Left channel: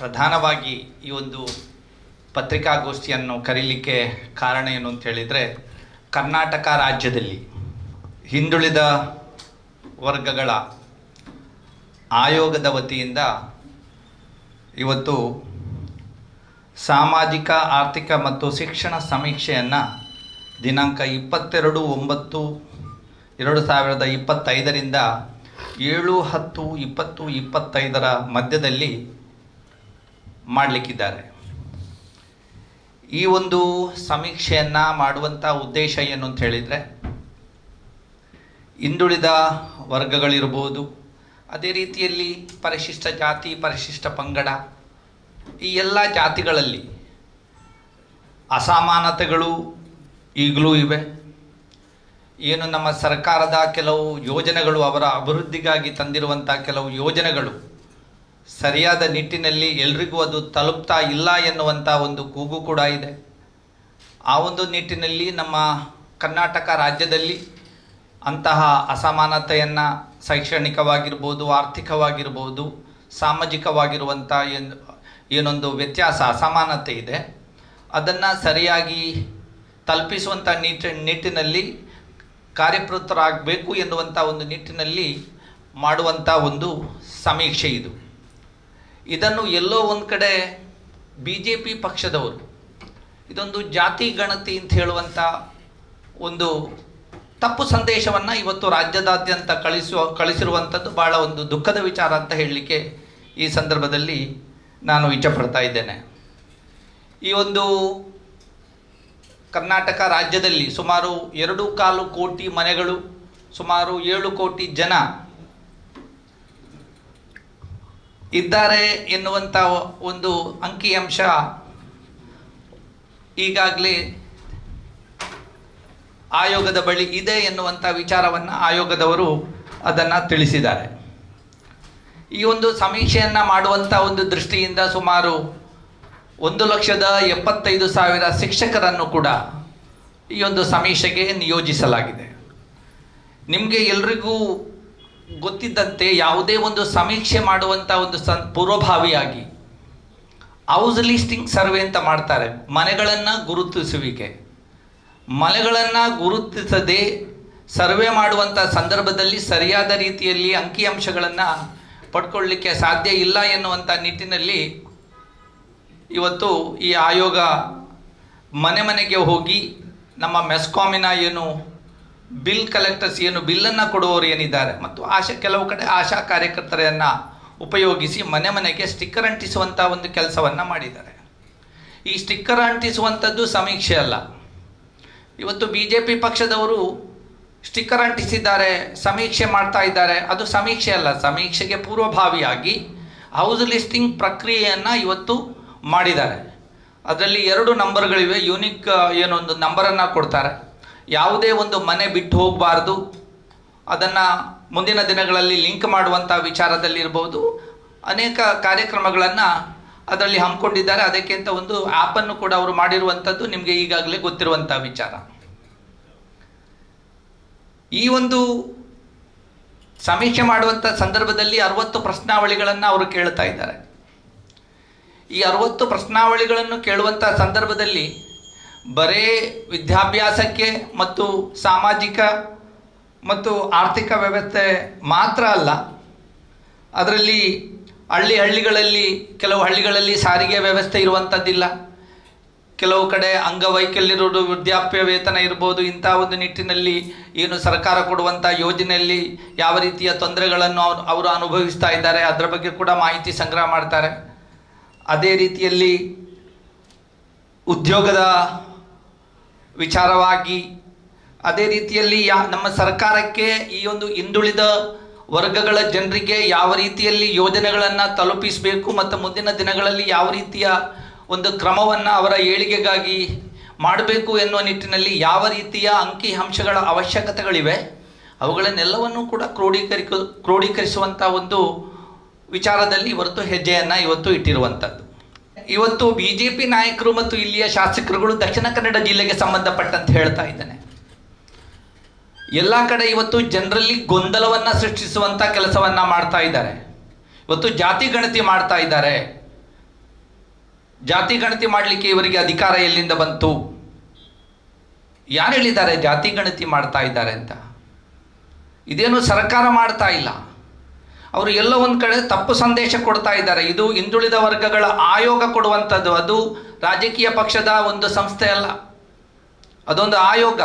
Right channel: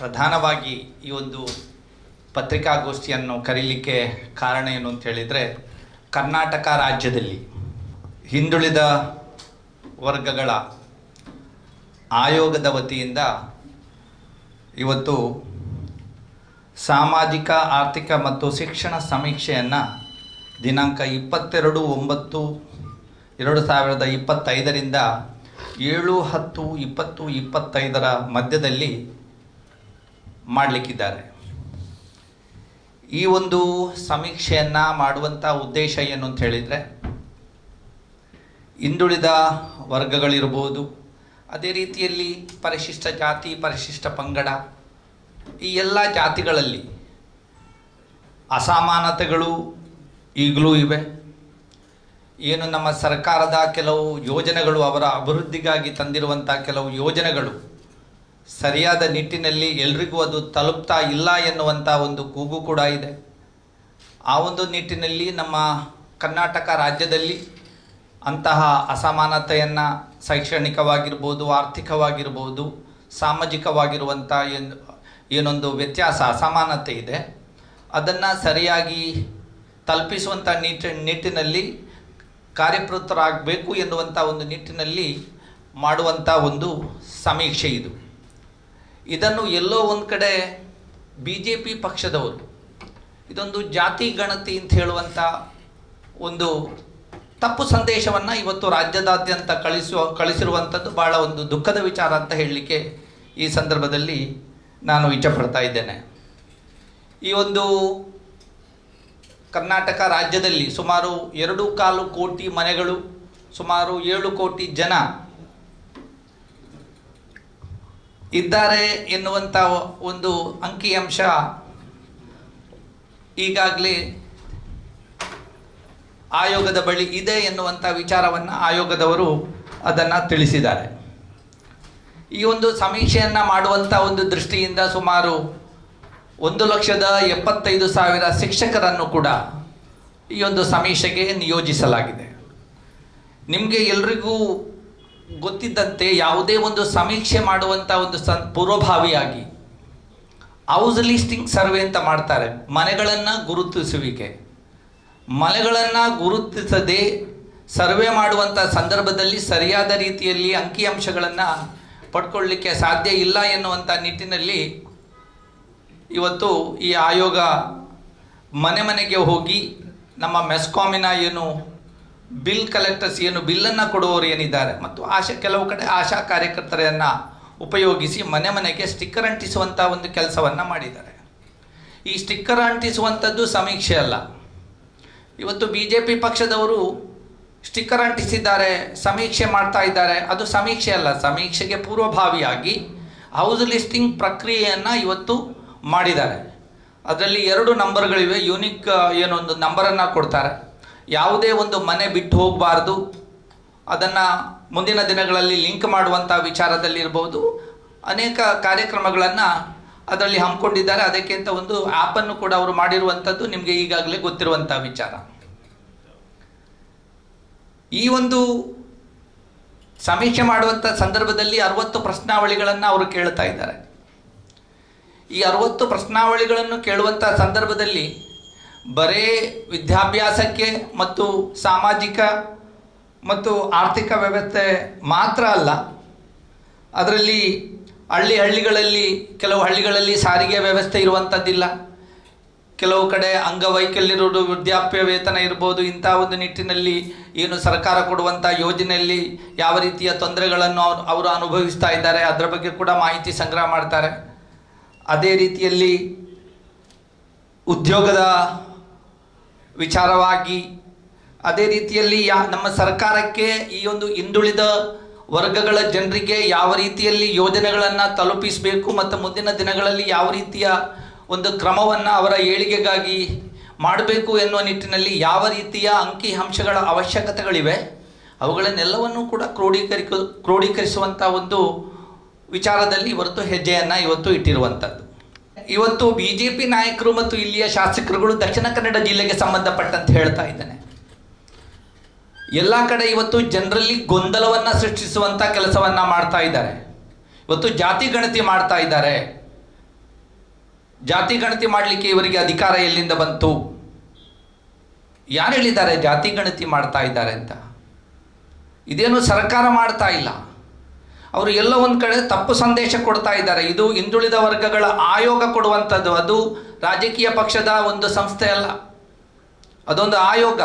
ಪ್ರಧಾನವಾಗಿ ಈ ಒಂದು ಪತ್ರಿಕಾಗೋಷ್ಠಿಯನ್ನು ಕರೀಲಿಕ್ಕೆ ಕಾರಣ ಏನು ಅಂತ ಹೇಳಿದರೆ, ಕರ್ನಾಟಕ ರಾಜ್ಯದಲ್ಲಿ ಹಿಂದುಳಿದ ವರ್ಗಗಳ ಆಯೋಗದ ವತಿಯಿಂದ ಇವತ್ತು ಸಾಮಾಜಿಕ ಆರ್ಥಿಕ ಮತ್ತು ಶಿಕ್ಷಣ ಸಮೀಕ್ಷೆಯನ್ನು ದಿನಾಂಕ 22/9/2025ರಿಂದ 7/10/2025 ಮಧ್ಯದಲ್ಲಿ ಮಾಡಲಿಕ್ಕಿದ್ದಾರೆ. ಈ ಒಂದು ಸಮೀಕ್ಷೆಯನ್ನು ಮಾಡುವಂಥ ಉದ್ದೇಶ ಏನು ಅಂತ ಹೇಳಿದರೆ, ಹಿಂದುಳಿದ ವರ್ಗಗಳಿರ್ಬೋದು, ಅದೇ ರೀತಿಯಲ್ಲಿ ಪರಿಶಿಷ್ಟ ಜಾತಿ, ಪರಿಶಿಷ್ಟ ಪಂಗಡ, ಈ ಎಲ್ಲ ಜಾತಿಗಳಲ್ಲಿ ಅಸಮಾನತೆಗಳು ಈಗಲೂ ಇವೆ. ಏನು ನಮ್ಮ ಸರ್ಕಾರದ ಕೆಲವು ಯೋಜನೆಗಳು, ಅವರ ಅಭಿವೃದ್ಧಿಗಾಗಿ ತಂದಿರುವಂಥ ಕೆಲವು ಯೋಜನೆಗಳು ಸರಿಯಾದ ನಿಟ್ಟಿನಲ್ಲಿ ಎಲ್ರಿಗೂ ಅದು ತಲುಪ್ತಾ ಇಲ್ಲ ಎನ್ನುವಂಥ ಒಂದು ಕೂಗು ಕೂಡ ಇದೆ. ಆ ಒಂದು ನಿಟ್ಟಿನಲ್ಲಿ ನಮ್ಮ ಕರ್ನಾಟಕ ರಾಜ್ಯದಲ್ಲಿ ಅಂತಹ ಅಸಮಾನತೆಯನ್ನು ಶೈಕ್ಷಣಿಕವಾಗಿರ್ಬೋದು, ಆರ್ಥಿಕವಾಗಿರ್ಬೋದು, ಸಾಮಾಜಿಕವಾಗಿರುವಂಥ ಏನೊಂದು ವ್ಯತ್ಯಾಸ, ಅಸಮಾನತೆ ಇದೆ, ಅದನ್ನು ಸರಿಯಾಗಿ ತಲುಪಿಸುವಂಥ ನಿಟ್ಟಿನಲ್ಲಿ ಕಾರ್ಯಪ್ರವೃತ್ತರಾಗಬೇಕು ಎನ್ನುವಂಥ ಒಂದು ನಿಟ್ಟಿನಲ್ಲಿ ಮಾಡುವಂಥ ಒಂದು ಸಮೀಕ್ಷೆ ಇದು. ಇದನ್ನು ಎಲ್ಲೋ ಒಂದು ಕಡೆ BJP ಪಕ್ಷದವರು ಇದೊಂದು ಜಾತಿ ಗಣತಿ ಅಂತ ಹೇಳುವಂಥ ಒಂದು ತಪ್ಪು ಸಂದೇಶವನ್ನು ಇವತ್ತು ರಾಜ್ಯದಾದ್ಯಂತ ಕಳಿಸಿರುವಂಥದ್ದು ಭಾಳ ಒಂದು ದುಃಖದ ವಿಚಾರ ಅಂತ ಹೇಳಲಿಕ್ಕೆ ಈ ಸಂದರ್ಭದಲ್ಲಿ ನಾನು ಇಚ್ಛಪಡ್ತಾ ಇದ್ದೇನೆ. ಈ ಒಂದು ಕರ್ನಾಟಕ ರಾಜ್ಯದಲ್ಲಿ ಸುಮಾರು 2.25 ಕೋಟಿ ಮನೆಗಳು, ಸುಮಾರು 7 ಕೋಟಿ ಜನ ಇದ್ದಾರೆ ಎನ್ನುವಂಥ ಒಂದು ಅಂಕಿಅಂಶ ಈಗಾಗಲೇ ಆಯೋಗದ ಬಳಿ ಇದೆ ಎನ್ನುವಂಥ ವಿಚಾರವನ್ನು ಆಯೋಗದವರು ಅದನ್ನು ತಿಳಿಸಿದ್ದಾರೆ. ಈ ಒಂದು ಸಮೀಕ್ಷೆಯನ್ನು ಮಾಡುವಂಥ ಒಂದು ದೃಷ್ಟಿಯಿಂದ ಸುಮಾರು 1,75,000 ಶಿಕ್ಷಕರನ್ನು ಕೂಡ ಈ ಒಂದು ಸಮೀಕ್ಷೆಗೆ ನಿಯೋಜಿಸಲಾಗಿದೆ. ನಿಮಗೆ ಎಲ್ರಿಗೂ ಗೊತ್ತಿದ್ದಂತೆ ಯಾವುದೇ ಒಂದು ಸಮೀಕ್ಷೆ ಮಾಡುವಂಥ ಒಂದು ಪೂರ್ವಭಾವಿಯಾಗಿ ಹೌಸ್ ಲಿಸ್ಟಿಂಗ್ ಸರ್ವೆ ಅಂತ ಮಾಡ್ತಾರೆ. ಮನೆಗಳನ್ನು ಗುರುತಿಸುವಿಕೆ. ಮನೆಗಳನ್ನು ಗುರುತಿಸದೆ ಸರ್ವೆ ಮಾಡುವಂಥ ಸಂದರ್ಭದಲ್ಲಿ ಸರಿಯಾದ ರೀತಿಯಲ್ಲಿ ಅಂಕಿಅಂಶಗಳನ್ನು ಪಡ್ಕೊಳ್ಳಿಕ್ಕೆ ಸಾಧ್ಯ ಇಲ್ಲ ಎನ್ನುವಂಥ ನಿಟ್ಟಿನಲ್ಲಿ ಇವತ್ತು ಈ ಆಯೋಗ ಮನೆ ಮನೆಗೆ ಹೋಗಿ ನಮ್ಮ ಮೆಸ್ಕಾಮಿನ ಏನು ಬಿಲ್ ಕಲೆಕ್ಟರ್ಸ್, ಏನು ಬಿಲ್ಲನ್ನು ಕೊಡುವವರು ಏನಿದ್ದಾರೆ, ಮತ್ತು ಕೆಲವು ಕಡೆ ಆಶಾ ಕಾರ್ಯಕರ್ತರನ್ನು ಉಪಯೋಗಿಸಿ ಮನೆ ಮನೆಗೆ ಸ್ಟಿಕ್ಕರ್ ಅಂಟಿಸುವಂಥ ಒಂದು ಕೆಲಸವನ್ನು ಮಾಡಿದ್ದಾರೆ. ಈ ಸ್ಟಿಕ್ಕರ್ ಅಂಟಿಸುವಂಥದ್ದು ಸಮೀಕ್ಷೆ ಅಲ್ಲ. ಇವತ್ತು BJP ಪಕ್ಷದವರು ಸ್ಟಿಕ್ಕರ್ ಅಂಟಿಸಿದ್ದಾರೆ, ಸಮೀಕ್ಷೆ ಮಾಡ್ತಾ ಇದ್ದಾರೆ, ಅದು ಸಮೀಕ್ಷೆ ಅಲ್ಲ. ಸಮೀಕ್ಷೆಗೆ ಪೂರ್ವಭಾವಿಯಾಗಿ ಹೌಸ್ ಲಿಸ್ಟಿಂಗ್ ಪ್ರಕ್ರಿಯೆಯನ್ನು ಇವತ್ತು ಮಾಡಿದ್ದಾರೆ. ಅದರಲ್ಲಿ 2 ನಂಬರ್ಗಳಿವೆ. ಯೂನಿಕ್ ಏನೊಂದು ನಂಬರನ್ನು ಕೊಡ್ತಾರೆ. ಯಾವುದೇ ಒಂದು ಮನೆ ಬಿಟ್ಟು ಹೋಗಬಾರ್ದು, ಅದನ್ನು ಮುಂದಿನ ದಿನಗಳಲ್ಲಿ ಲಿಂಕ್ ಮಾಡುವಂಥ ವಿಚಾರದಲ್ಲಿರ್ಬೋದು, ಅನೇಕ ಕಾರ್ಯಕ್ರಮಗಳನ್ನು ಅದರಲ್ಲಿ ಹಮ್ಮಿಕೊಂಡಿದ್ದಾರೆ. ಅದಕ್ಕೆ ಅಂತ ಒಂದು ಆ್ಯಪನ್ನು ಕೂಡ ಅವರು ಮಾಡಿರುವಂಥದ್ದು ನಿಮಗೆ ಈಗಾಗಲೇ ಗೊತ್ತಿರುವಂಥ ವಿಚಾರ. ಈ ಒಂದು ಸಮೀಕ್ಷೆ ಮಾಡುವಂಥ ಸಂದರ್ಭದಲ್ಲಿ 60 ಪ್ರಶ್ನಾವಳಿಗಳನ್ನು ಅವರು ಕೇಳ್ತಾ ಇದ್ದಾರೆ. ಈ 60 ಪ್ರಶ್ನಾವಳಿಗಳನ್ನು ಕೇಳುವಂಥ ಸಂದರ್ಭದಲ್ಲಿ ಬರೇ ವಿದ್ಯಾಭ್ಯಾಸಕ್ಕೆ ಮತ್ತು ಸಾಮಾಜಿಕ ಮತ್ತು ಆರ್ಥಿಕ ವ್ಯವಸ್ಥೆ ಮಾತ್ರ ಅಲ್ಲ, ಅದರಲ್ಲಿ ಹಳ್ಳಿಗಳಲ್ಲಿ ಕೆಲವು ಹಳ್ಳಿಗಳಲ್ಲಿ ಸಾರಿಗೆ ವ್ಯವಸ್ಥೆ ಇರುವಂಥದ್ದಿಲ್ಲ, ಕೆಲವು ಕಡೆ ಅಂಗವೈಕಲ್ಯರು ವೃದ್ಧಾಪ್ಯ ವೇತನ ಇರ್ಬೋದು. ಇಂಥ ಒಂದು ನಿಟ್ಟಿನಲ್ಲಿ ಏನು ಸರ್ಕಾರ ಕೊಡುವಂಥ ಯೋಜನೆಯಲ್ಲಿ ಯಾವ ರೀತಿಯ ತೊಂದರೆಗಳನ್ನು ಅವರು ಅನುಭವಿಸ್ತಾ ಇದ್ದಾರೆ, ಅದರ ಬಗ್ಗೆ ಕೂಡ ಮಾಹಿತಿ ಸಂಗ್ರಹ ಮಾಡ್ತಾರೆ. ಅದೇ ರೀತಿಯಲ್ಲಿ ಉದ್ಯೋಗದ ವಿಚಾರವಾಗಿ, ಅದೇ ರೀತಿಯಲ್ಲಿ ನಮ್ಮ ಸರ್ಕಾರಕ್ಕೆ ಈ ಒಂದು ಹಿಂದುಳಿದ ವರ್ಗಗಳ ಜನರಿಗೆ ಯಾವ ರೀತಿಯಲ್ಲಿ ಯೋಜನೆಗಳನ್ನು ತಲುಪಿಸಬೇಕು ಮತ್ತು ಮುಂದಿನ ದಿನಗಳಲ್ಲಿ ಯಾವ ರೀತಿಯ ಒಂದು ಕ್ರಮವನ್ನು ಅವರ ಏಳಿಗೆಗಾಗಿ ಮಾಡಬೇಕು ಎನ್ನುವ ನಿಟ್ಟಿನಲ್ಲಿ ಯಾವ ರೀತಿಯ ಅಂಕಿಅಂಶಗಳ ಅವಶ್ಯಕತೆಗಳಿವೆ, ಅವುಗಳನ್ನೆಲ್ಲವನ್ನೂ ಕೂಡ ಕ್ರೋಢೀಕರಿಸುವಂಥ ಒಂದು ವಿಚಾರದಲ್ಲಿ ಹೆಜ್ಜೆಯನ್ನು ಇವತ್ತು ಇಟ್ಟಿರುವಂಥದ್ದು. ಇವತ್ತು BJP ನಾಯಕರು ಮತ್ತು ಇಲ್ಲಿಯ ಶಾಸಕರುಗಳು ದಕ್ಷಿಣ ಕನ್ನಡ ಜಿಲ್ಲೆಗೆ ಸಂಬಂಧಪಟ್ಟಂತೆ ಹೇಳ್ತಾ ಇದ್ದಾನೆ, ಎಲ್ಲ ಕಡೆ ಇವತ್ತು ಜನರಲ್ಲಿ ಗೊಂದಲವನ್ನು ಸೃಷ್ಟಿಸುವಂಥ ಕೆಲಸವನ್ನು ಮಾಡ್ತಾ ಇದ್ದಾರೆ. ಇವತ್ತು ಜಾತಿ ಗಣತಿ ಮಾಡ್ತಾ ಇದ್ದಾರೆ. ಜಾತಿ ಗಣತಿ ಮಾಡಲಿಕ್ಕೆ ಇವರಿಗೆ ಅಧಿಕಾರ ಎಲ್ಲಿಂದ ಬಂತು? ಯಾರು ಹೇಳಿದ್ದಾರೆ ಜಾತಿ ಗಣತಿ ಮಾಡ್ತಾ ಇದ್ದಾರೆ ಅಂತ? ಇದೇನು ಸರ್ಕಾರ ಮಾಡ್ತಾ ಇಲ್ಲ. ಅವರು ಎಲ್ಲ ಒಂದು ಕಡೆ ತಪ್ಪು ಸಂದೇಶ ಕೊಡ್ತಾ ಇದ್ದಾರೆ. ಇದು ಹಿಂದುಳಿದ ವರ್ಗಗಳ ಆಯೋಗ ಕೊಡುವಂಥದ್ದು. ಅದು ರಾಜಕೀಯ ಪಕ್ಷದ ಒಂದು ಸಂಸ್ಥೆ ಅಲ್ಲ, ಅದೊಂದು ಆಯೋಗ.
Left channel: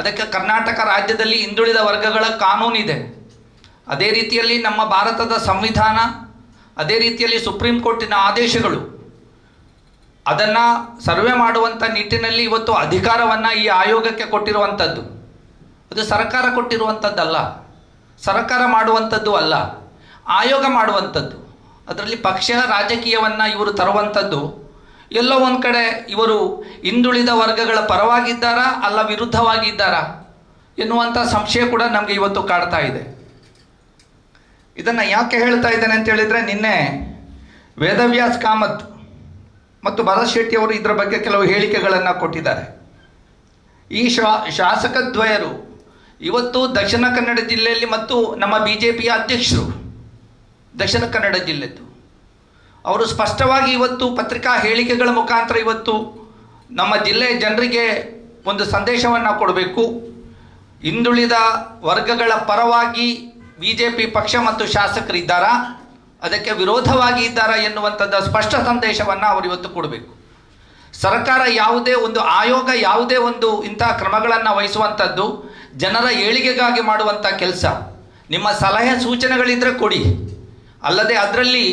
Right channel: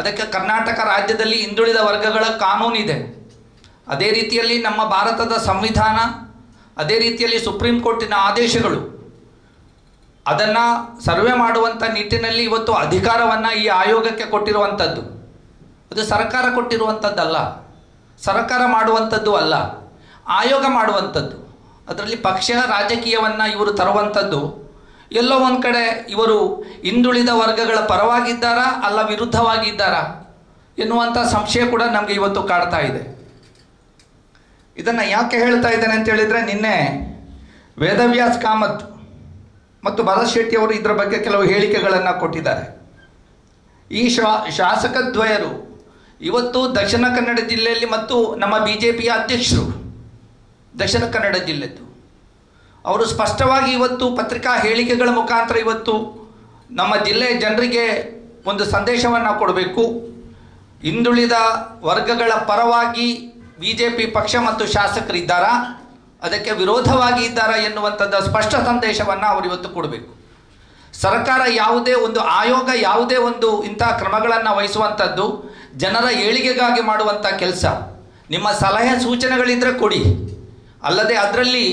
ಅದಕ್ಕೆ ಕರ್ನಾಟಕ ರಾಜ್ಯದಲ್ಲಿ ಹಿಂದುಳಿದ ವರ್ಗಗಳ ಕಾನೂನಿದೆ. ಅದೇ ರೀತಿಯಲ್ಲಿ ನಮ್ಮ ಭಾರತದ ಸಂವಿಧಾನ, ಅದೇ ರೀತಿಯಲ್ಲಿ ಸುಪ್ರೀಂ ಕೋರ್ಟಿನ ಆದೇಶಗಳು, ಅದನ್ನು ಸರ್ವೆ ಮಾಡುವಂಥ ನಿಟ್ಟಿನಲ್ಲಿ ಇವತ್ತು ಅಧಿಕಾರವನ್ನು ಈ ಆಯೋಗಕ್ಕೆ ಕೊಟ್ಟಿರುವಂಥದ್ದು. ಅದು ಸರ್ಕಾರ ಕೊಟ್ಟಿರುವಂಥದ್ದಲ್ಲ, ಸರ್ಕಾರ ಮಾಡುವಂಥದ್ದು ಅಲ್ಲ, ಆಯೋಗ ಮಾಡುವಂಥದ್ದು. ಅದರಲ್ಲಿ ಪಕ್ಷ ರಾಜಕೀಯವನ್ನು ಇವರು ತರುವಂಥದ್ದು. ಎಲ್ಲೋ ಒಂದು ಕಡೆ ಇವರು ಹಿಂದುಳಿದ ವರ್ಗಗಳ ಪರವಾಗಿದ್ದಾರಾ ಅಲ್ಲ ವಿರುದ್ಧವಾಗಿದ್ದಾರಾ ಎನ್ನುವಂಥ ಸಂಶಯ ಕೂಡ ನಮಗೆ ಇವತ್ತು ಕಾಡ್ತಾ ಇದೆ. ಇದನ್ನು ಯಾಕೆ ಹೇಳ್ತಾ ಇದ್ದೇನೆ ಅಂತ ಹೇಳಿದರೆ, ನಿನ್ನೆ ವೇದವ್ಯಾಸ್ ಕಾಮತ್ ಮತ್ತು ಭರತ್ ಶೆಟ್ಟಿ ಅವರು ಇದರ ಬಗ್ಗೆ ಕೆಲವು ಹೇಳಿಕೆಗಳನ್ನು ಕೊಟ್ಟಿದ್ದಾರೆ. ಈ ಶಾಸಕದ್ವಯರು ಇವತ್ತು ದಕ್ಷಿಣ ಕನ್ನಡ ಜಿಲ್ಲೆಯಲ್ಲಿ ಮತ್ತು ನಮ್ಮ BJPಯ ಅಧ್ಯಕ್ಷರು ದಕ್ಷಿಣ ಕನ್ನಡ ಜಿಲ್ಲೆದ್ದು ಅವರು ಸ್ಪಷ್ಟವಾಗಿ ಇವತ್ತು ಪತ್ರಿಕಾ ಹೇಳಿಕೆಗಳ ಮುಖಾಂತರ ಇವತ್ತು ನಮ್ಮ ಜಿಲ್ಲೆಯ ಜನರಿಗೆ ಒಂದು ಸಂದೇಶವನ್ನು ಕೊಡಬೇಕು. ಹಿಂದುಳಿದ ವರ್ಗಗಳ ಪರವಾಗಿ BJP ಪಕ್ಷ ಮತ್ತು ಶಾಸಕರಿದ್ದಾರಾ, ಅದಕ್ಕೆ ವಿರೋಧವಾಗಿ ಇದ್ದಾರಾ ಎನ್ನುವಂಥದ್ದು ಸ್ಪಷ್ಟ ಸಂದೇಶವನ್ನು ಅವರು ಇವತ್ತು ಕೊಡಬೇಕು. ಸರ್ಕಾರ ಯಾವುದೇ ಒಂದು ಆಯೋಗ ಯಾವುದೇ ಒಂದು ಇಂಥ ಕ್ರಮಗಳನ್ನು ವಹಿಸುವಂಥದ್ದು ಜನರ ಏಳಿಗೆಗಾಗಿ ಮಾಡುವಂಥ ಕೆಲಸ. ನಿಮ್ಮ ಸಲಹೆ ಸೂಚನೆಗಳಿದ್ದರೆ ಕೊಡಿ, ಅಲ್ಲದೆ ಅದರಲ್ಲಿ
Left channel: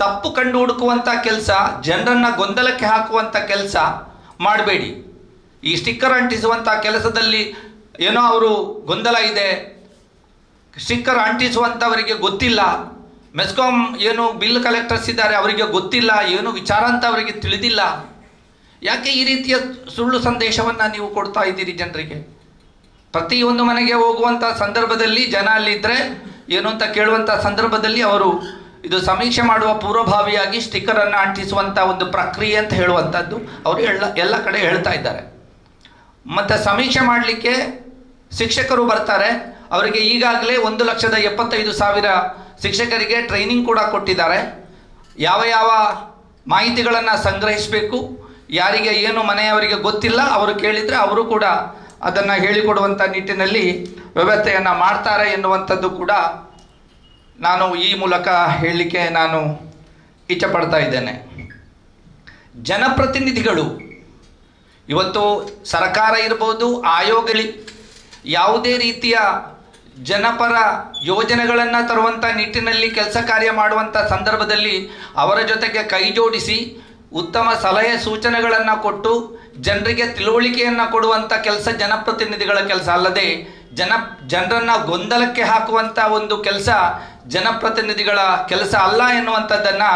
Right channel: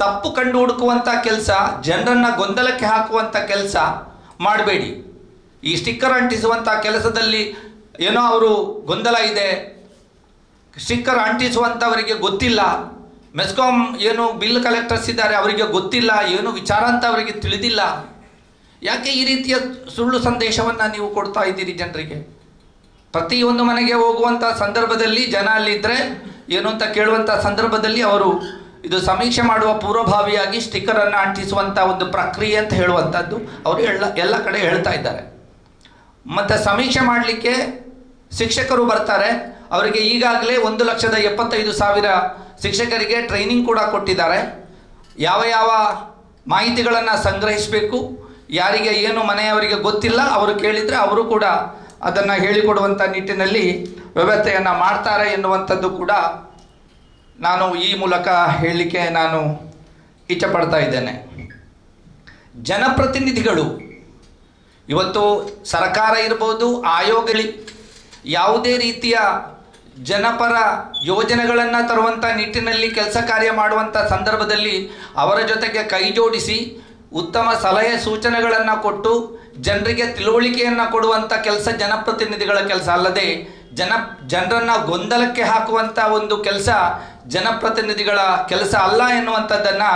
ತಪ್ಪು ಕಂಡು ಹುಡುಕುವಂಥ ಕೆಲಸ, ಜನರನ್ನು ಗೊಂದಲಕ್ಕೆ ಹಾಕುವಂಥ ಕೆಲಸ ಮಾಡಬೇಡಿ. ಈ ಸ್ಟಿಕ್ಕರ್ ಅಂಟಿಸುವಂಥ ಕೆಲಸದಲ್ಲಿ ಏನೋ ಅವರು ಗೊಂದಲ ಇದೆ, ಸ್ಟಿಕ್ಕರ್ ಅಂಟಿಸುವಂಥವರಿಗೆ ಗೊತ್ತಿಲ್ಲ, ಮೆಸ್ಕಾಂ ಏನು ಬಿಲ್ ಕಲೆಕ್ಟರ್ಸ್ ಇದ್ದಾರೆ ಅವರಿಗೆ ಗೊತ್ತಿಲ್ಲ, ಏನು ವಿಚಾರ ಅಂತ ಅವರಿಗೆ ತಿಳಿದಿಲ್ಲ. ಯಾಕೆ ಈ ರೀತಿಯ ಸುಳ್ಳು ಸಂದೇಶವನ್ನು ನೀವು ಕೊಡ್ತಾ ಇದ್ದೀರಿ ಜನರಿಗೆ? ಪ್ರತಿಯೊಂದು ಮನೆಗೆ ಹೋಗುವಂಥ ಸಂದರ್ಭದಲ್ಲಿ ಜನ ಅಲ್ಲಿದ್ದರೆ ಏನು ಅಂತ ಕೇಳುವಂಥ ಸಂದರ್ಭದಲ್ಲಿ ಅವರು ಇದು ಸಮೀಕ್ಷೆ ಮಾಡುವ ಪೂರ್ವಭಾವಿಯಾಗಿ ಸ್ಟಿಕ್ಕರನ್ನು ಅಂಟಿಸುವಂಥ ಒಂದು ಪ್ರಕ್ರಿಯೆ ಅಂತ ಹೇಳುವಂಥದ್ದು ಅವರು ಎಲ್ಲ ಕಡೆ ಹೇಳ್ತಾ ಇದ್ದಾರೆ. ಮತ್ತು ಸಮೀಕ್ಷೆ ಮಾಡಲಿಕ್ಕೆ ಶಿಕ್ಷಕರು ಬರ್ತಾರೆ. ಅವರಿಗೆ ಈಗಾಗಲೇ 1,75,000 ಶಿಕ್ಷಕರಿಗೆ ಟ್ರೈನಿಂಗ್ ಕೂಡ ಕೊಟ್ಟಿದ್ದಾರೆ. ಯಾವ ಯಾವ ಮಾಹಿತಿಗಳನ್ನು ಸಂಗ್ರಹಿಸಬೇಕು, ಯಾರಿಗೆ ಏನು ಮನೆಯವರಿಗೆ ಗೊತ್ತಿಲ್ಲ ಅವರು ಕೇಳಿದರೆ ಅವರು ಕೂಡ ಅದನ್ನು ಹೇಳಿಕೊಡುವಂಥ ನಿಟ್ಟಿನಲ್ಲಿ ವ್ಯವಸ್ಥೆಯನ್ನು ಮಾಡ್ತಾರೆ ಎನ್ನುವಂಥದ್ದು ಕೂಡ ನಾನು ಈ ಮೂಲಕ ಹೇಳಲಿಕ್ಕೆ ನಾನು ಇಚ್ಛೆಪಡ್ತಾ ಇದ್ದೇನೆ. ಜನಪ್ರತಿನಿಧಿಗಳು ಇವತ್ತು ಸರ್ಕಾರ ಇರ್ಬೋದು, ಆಯೋಗಗಳು ಯಾವುದೇ ರೀತಿಯ ಜನಪರ ಯೋಜನೆಗಳನ್ನು ತರುವಂಥ ನಿಟ್ಟಿನಲ್ಲಿ ಕೆಲಸ ಕಾರ್ಯ ಮಾಡುವಂಥ ಸಂದರ್ಭದಲ್ಲಿ ಅವರ ಜೊತೆಗೆ ಕೈ ಜೋಡಿಸಿ ಉತ್ತಮ ಸಲಹೆ ಸೂಚನೆಗಳನ್ನು ಕೊಟ್ಟು ಜನರಿಗೆ ತಿಳುವಳಿಕೆಯನ್ನು ಕೊಡುವಂಥ ಕೆಲಸ ಜನಪ್ರತಿನಿಧಿಗಳ ಕೆಲಸ. ಅಲ್ಲದೆ ಜನರನ್ನು ಗೊಂದಲಕ್ಕೆ ಹಾಕುವಂಥ ಒಂದು ಕೆಲಸ ಜನಪ್ರತಿನಿಧಿಗಳ ಕೆಲಸ ಅಲ್ಲ ಎನ್ನುವಂಥದ್ದನ್ನು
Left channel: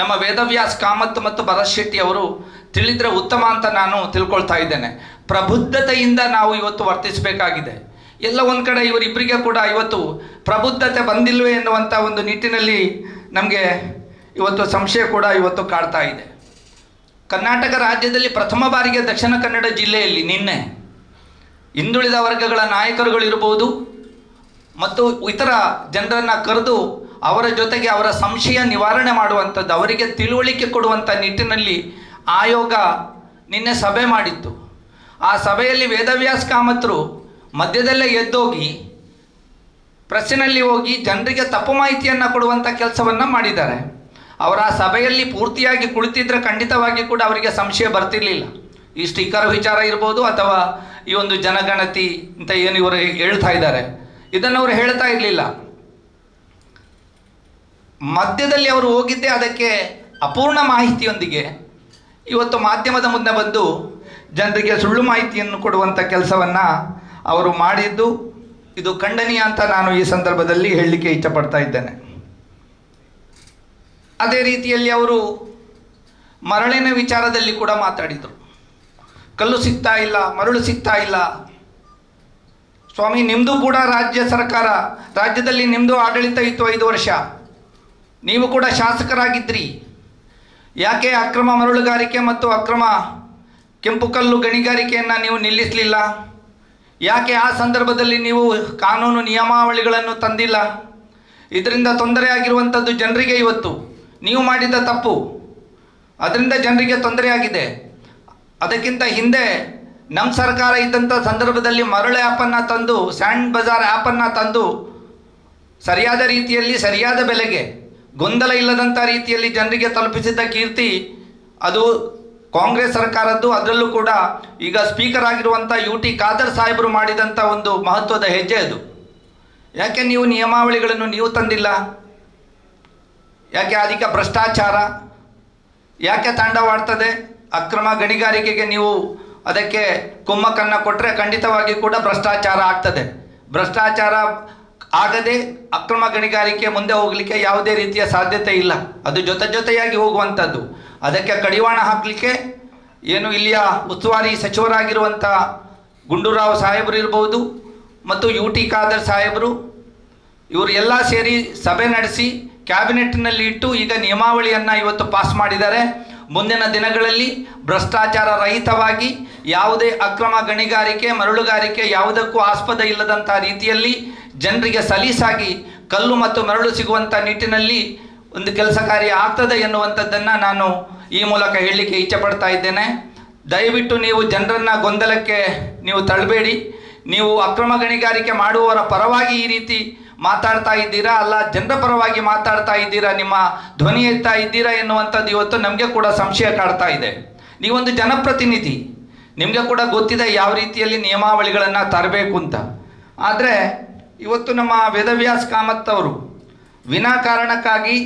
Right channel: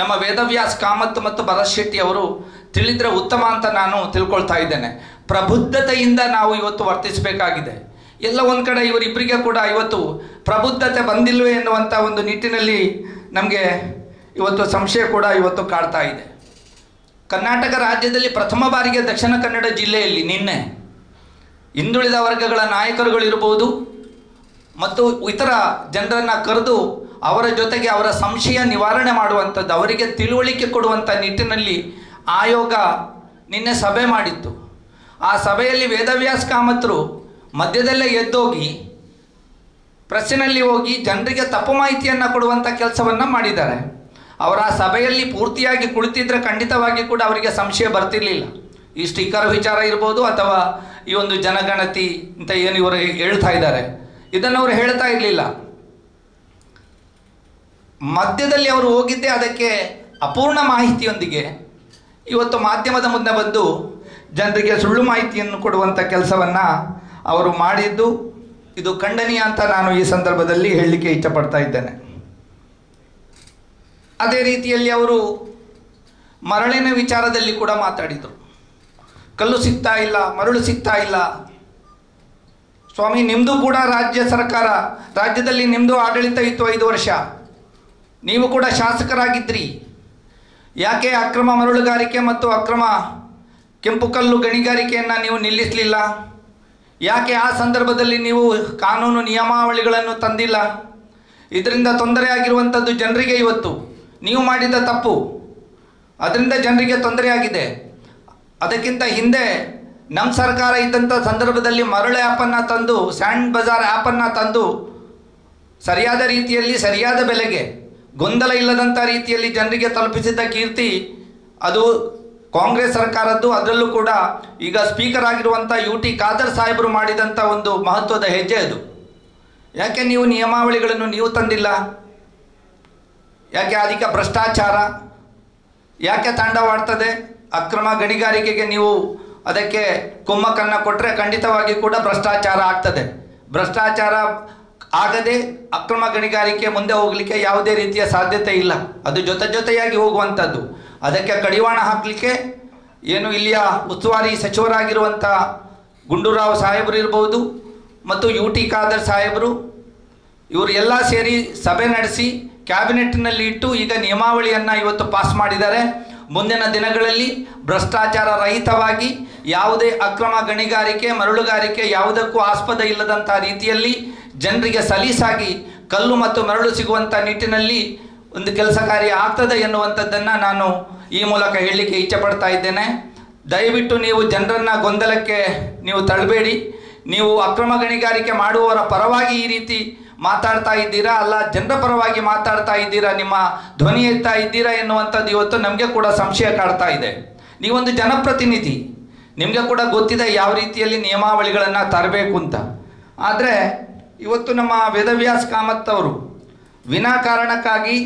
ನಮ್ಮ ವೇದವ್ಯಾಸ್ ಕಾಮತ್ ಮತ್ತು ಭರತ್ ಶೆಟ್ಟಿ ಅವರು ತಿಳಿದರೆ ಉತ್ತಮ ಅಂತ ನಾನು ತಿಳ್ಕೊಳ್ತಾ ಇದ್ದೇನೆ. ಪ್ರಬುದ್ಧತೆಯಿಂದ ನಾವು ಇವತ್ತು ವರ್ತಿಸಬೇಕಾಗಿದೆ. ಎಲ್ಲ ಒಂದು ಕಡೆ ಇವರಿಬ್ಬರಿಗೆ ಕೂಡ ಇವತ್ತು ಪ್ರಬುದ್ಧತೆ ಬಂದಿಲ್ವೇ ಎನ್ನುವಂಥ ಒಂದು ನಿಟ್ಟಿನಲ್ಲಿ ನಮಗೆ ಇವತ್ತು ಸಂಶಯ ಕೂಡ ಇವತ್ತು ಕಾಡ್ತಾ ಇದೆ. ಕರ್ನಾಟಕ ರಾಜ್ಯದಲ್ಲಿ ಪ್ರಥಮ ಬಾರಿಗೆ ದಕ್ಷಿಣ ಕನ್ನಡ ಜಿಲ್ಲೆಯಲ್ಲಿ ನಿನ್ನೆ ಹಿಂದುಳಿದ ವರ್ಗಗಳ ನಾಯಕರುಗಳಿರ್ಬೋದು ಮತ್ತು ಇತರ ಜನರನ್ನು ಕರೆದು ಅವರ ಜೊತೆಗೆ ಅವರ ಸಂಶಯ ನಿವಾರಣೆ ಮಾಡುವಂಥದ್ದು, ಅವರಿಗೆ ತಿಳುವಳಿಕೆ ಕೊಡುವಂಥ ನಿಟ್ಟಿನಲ್ಲಿ ಆಯೋಗ ನಿನ್ನೆ ಸಭೆ ಮಾಡಿತ್ತು. ಆ ಸಭೆಯಲ್ಲಿ ವೇದವ್ಯಾಸ್ ಕಾಮತ್ರು ಮಧ್ಯದಲ್ಲೇ ಎದ್ದೋಗಿ ಪ್ರೆಸ್ಸಿನಲ್ಲಿ ಹೋಗಿ ಜನರಿಗೆ ತಪ್ಪು ಮಾಹಿತಿಯನ್ನು ಕೊಡುವಂಥ ಕೆಲಸವನ್ನು ಮಾಡಿದ್ದಾರೆ. ಅವರ ಆ ಸಭೆಯಲ್ಲಿ ಪೂರ್ತಿಯಾಗಿ ಕುಳಿತಿದ್ರೆ ಖಂಡಿತವಾಗಿ ಕೂಡ ಅವರಿಗೆ ಸಂಶಯ ಬರ್ತಿರ್ಲಿಲ್ಲ. ಈ ಸ್ಟಿಕ್ಕರ್ ವಿಚಾರ ಇರ್ಬೋದು ಅಥವಾ ಈ ಒಂದು ಜನಗಣತಿ ಅಂತ ಏನು ಇವರು ಹೇಳ್ತಾ ಇದ್ದಾರೆ ಇದನ್ನು ಅವರು ಹೇಳ್ತಾ ಇರಲಿಲ್ಲ. ಮಧ್ಯದಲ್ಲಿ ಅವರು ಹೋಗಿದ್ದೇ ಅದಕ್ಕೆ ಅಪೂರ್ಣ ಮಾಹಿತಿಯೊಂದಿಗೆ ಇವತ್ತು ಮಾಧ್ಯಮದ ಮುಂದೆ ಬಂದು ಜನರಿಗೆ ಸುಳ್ಳು ಮಾಹಿತಿಯನ್ನು ಕೊಡುವಂಥ ಕೆಲಸವನ್ನು ಅವರು ಮಾಡಿದ್ದು ಇದು ಖಂಡನೀಯ ಅಂತ ನಾನು ಈ ಸಂದರ್ಭದಲ್ಲಿ ಹೇಳಲಿಕ್ಕೆ ಇಚ್ಛಪಡ್ತಾ ಇದ್ದೇನೆ. ಅದೇ ರೀತಿಯಲ್ಲಿ ಅವರು ಮರಳಿನ ವಿಚಾರದಲ್ಲಿ ಕೂಡ ಮಾತಾಡಿದರು. ಕಲ್ಲು ಸಿಗ್ತಾ ಇಲ್ಲ, ಮರಳು ಸಿಗ್ತಾ ಇಲ್ಲ. ಸ್ವಾಮಿ, ನಿಮ್ಮದು ಕೂಡ ರಾಜ್ಯ ಸರ್ಕಾರ, ರಾಜ್ಯದಲ್ಲಿ ನಿಮ್ಮದು ಆಡಳಿತ ಇತ್ತು 5 ವರ್ಷ, ನೀವು ಕೂಡ ಶಾಸಕರಾಗಿದ್ದಿರಿ. ಯಾಕೆ ಅಕ್ರಮ ಮರಳುಗಾರಿಕೆ ಮತ್ತು ಅಕ್ರಮ ಕೆಂಪು ಕಲ್ಲು ಗಣಿಗಾರಿಕೆಯನ್ನು ನೀವು ನಿಲ್ಲಿಸಲಿಲ್ಲ? ಯಾಕೆ ಆ ಸಂದರ್ಭದಲ್ಲಿ ನೀವು ಕಾನೂನು ನಿಯಮಾವಳಿಗಳನ್ನು ತಂದಿಲ್ಲ? ಇದರಿಂದ ತೊಂದರೆ ಆಗಿರುವಂಥದ್ದು ಜನರಿಗೆ. ಇವತ್ತು ನೀವು ಮಾಡಿದ ತಪ್ಪು ಅದರಿಂದ ಜನರಿಗೆ ತೊಂದರೆಯಾಗಿದೆ. ಅದಕ್ಕಿಂತ ಹಿಂದೆ ನಮ್ಮ ಸರ್ಕಾರ ಇದ್ದಂಥ ಸಂದರ್ಭದಲ್ಲಿ ಮರಳು ಆ್ಯಪನ್ನು ತಂದು, ಸ್ಯಾಂಡ್ ಬಜಾರ್ ಆ್ಯಪನ್ನು ತಂದು ಸರಿಯಾದ ರೀತಿಯಲ್ಲಿ ಸರಿಯಾದ ಬೆಲೆಗೆ ಗೊಂದಲ ಇಲ್ಲದಂಥ ರೀತಿಯಲ್ಲಿ ಜನರಿಗೆ ತಲುಪಿಸಿದ್ದ ಕೀರ್ತಿ ಅದು ಕಾಂಗ್ರೆಸ್ ಸರ್ಕಾರದ್ದು. ಅದರಲ್ಲೂ ಕೂಡ ಈಗ ಸ್ಪೀಕರ್ ಆಗಿರುವಂಥ UT ಖಾದರ್ ಸಾಹೇಬರು ಮಾಡಿದಂಥ ಒಂದು ಮಹತ್ವದ ಹೆಜ್ಜೆ ಅದು. ಯಾಕೆ ನೀವು ನಿಯಮಾವಳಿಗಳನ್ನು ನೀವು ತಂದಿಲ್ಲ? ಯಾಕೆ ಅಧಿಕ ಭ್ರಷ್ಟಾಚಾರ ಯಾಕೆ ತಾಂಡವಾಡ್ತದೆ? ಅಕ್ರಮ ಗಣಿಗಾರಿಕೆಗೆ ನೀವು ಅದಕ್ಕೆ ಕುಮ್ಮಕ್ಕನ್ನು ಕೊಟ್ಟರೆ ಖಂಡಿತವಾಗಿ ಕೂಡ ಭ್ರಷ್ಟಾಚಾರ ಆಗ್ತದೆ. ಭ್ರಷ್ಟಾಚಾರ ಆಗದೆ ಅಕ್ರಮ ಗಣಿಗಾರಿಕೆ ಮುಂದೆ ಹೋಗಲಿಕ್ಕೆ ಯಾವುದೇ ರೀತಿಯ ಸಾಧ್ಯತೆ ಇಲ್ಲ. ಅದು ಜೊತೆಯಾಗಿ ಹೋಗುವಂಥದ್ದು. ಅದಕ್ಕೆ ಕಡಿವಾಣ ಹಾಕಲಿಕ್ಕೆ ಏನು ಇಲ್ಲಿಯ ಉಸ್ತುವಾರಿ ಸಚಿವರಾಗಿರುವಂಥ ಗುಂಡೂರಾವ್ ಸಾಹೇಬರು ಇರ್ಬೋದು ಮತ್ತು UT ಖಾದರ್ ಸಾಹೇಬರು, ಇವರು ಎಲ್ಲ ಸೇರಿ ಸಭೆ ನಡೆಸಿ ಕ್ಯಾಬಿನೆಟ್ನಲ್ಲಿ ಇಟ್ಟು ಈಗ ನಿಯಮಾವಳಿಯನ್ನು ಇವತ್ತು ಪಾಸ್ ಮಾಡಿದ್ದಾರೆ. ಮುಂದಿನ ದಿನಗಳಲ್ಲಿ ಭ್ರಷ್ಟಾಚಾರ ರಹಿತವಾಗಿ ಯಾವುದೇ ಅಕ್ರಮ ಗಣಿಗಾರಿಕೆ ಮರಳುಗಾರಿಕೆ ಯಾವುದಕ್ಕೂ ಆಸ್ಪದ ಇಲ್ಲದಂಥ ರೀತಿಯಲ್ಲಿ ಜನರಿಗೆ ಸಲೀಸಾಗಿ ಕಲ್ಲು ಮತ್ತು ಮರಳು ಸಿಗುವಂಥ ನಿಟ್ಟಿನಲ್ಲಿ ಒಂದು ಕೆಲಸ ಕಾರ್ಯ ಆಗ್ತದೆ ಎನ್ನುವಂಥದ್ದನ್ನು ನಾನು ಈ ಮೂಲಕ ಹೇಳಲಿಕ್ಕೆ ಇಚ್ಛೆಪಡ್ತಾ ಇದ್ದೇನೆ. ದಯವಿಟ್ಟು ನೀವು ಜನರನ್ನು ಗೊಂದಲಕ್ಕೆ ನೀವು ತಳ್ಳಬೇಡಿ. ನೀವು ಅಕ್ರಮ ಗಣಿಗಾರಿಕೆ ಮಾಡುವವರ ಪರವಾಗಿ ಈ ರೀತಿ ಮಾತಾಡ್ತಾ ಇದ್ದೀರಾ, ಅಲ್ಲ ಜನರ ಪರವಾಗಿ ಮಾತಾಡ್ತಾ ಇದ್ದೀರಾ, ನಿಮ್ಮ ಧ್ವನಿ ಎತ್ತಾ ಇದ್ದೀರಾ ಎನ್ನುವಂಥದ್ದು ಇವತ್ತು ನಮಗೆ ಕೂಡ ಸಂಶಯ ಕಾಡ್ತಾ ಇದೆ. ನೀವೊಂದು ಜನಪ್ರತಿನಿಧಿ, ನಿಮಗೆ ಕೂಡ ಗೊತ್ತಿದೆ ಯಾವ ರೀತಿಯಲ್ಲಿ ನಿಯಮಾವಳಿಗಳನ್ನು ತರಬೇಕು ಅಂತ. ಆದರೆ ಇವತ್ತು ನಮ್ಮ ವೇದವ್ಯಾಸ್ ಕಾಮತ್ ಅವರು ವಿನಾಕಾರಣಕ್ಕಾಗಿ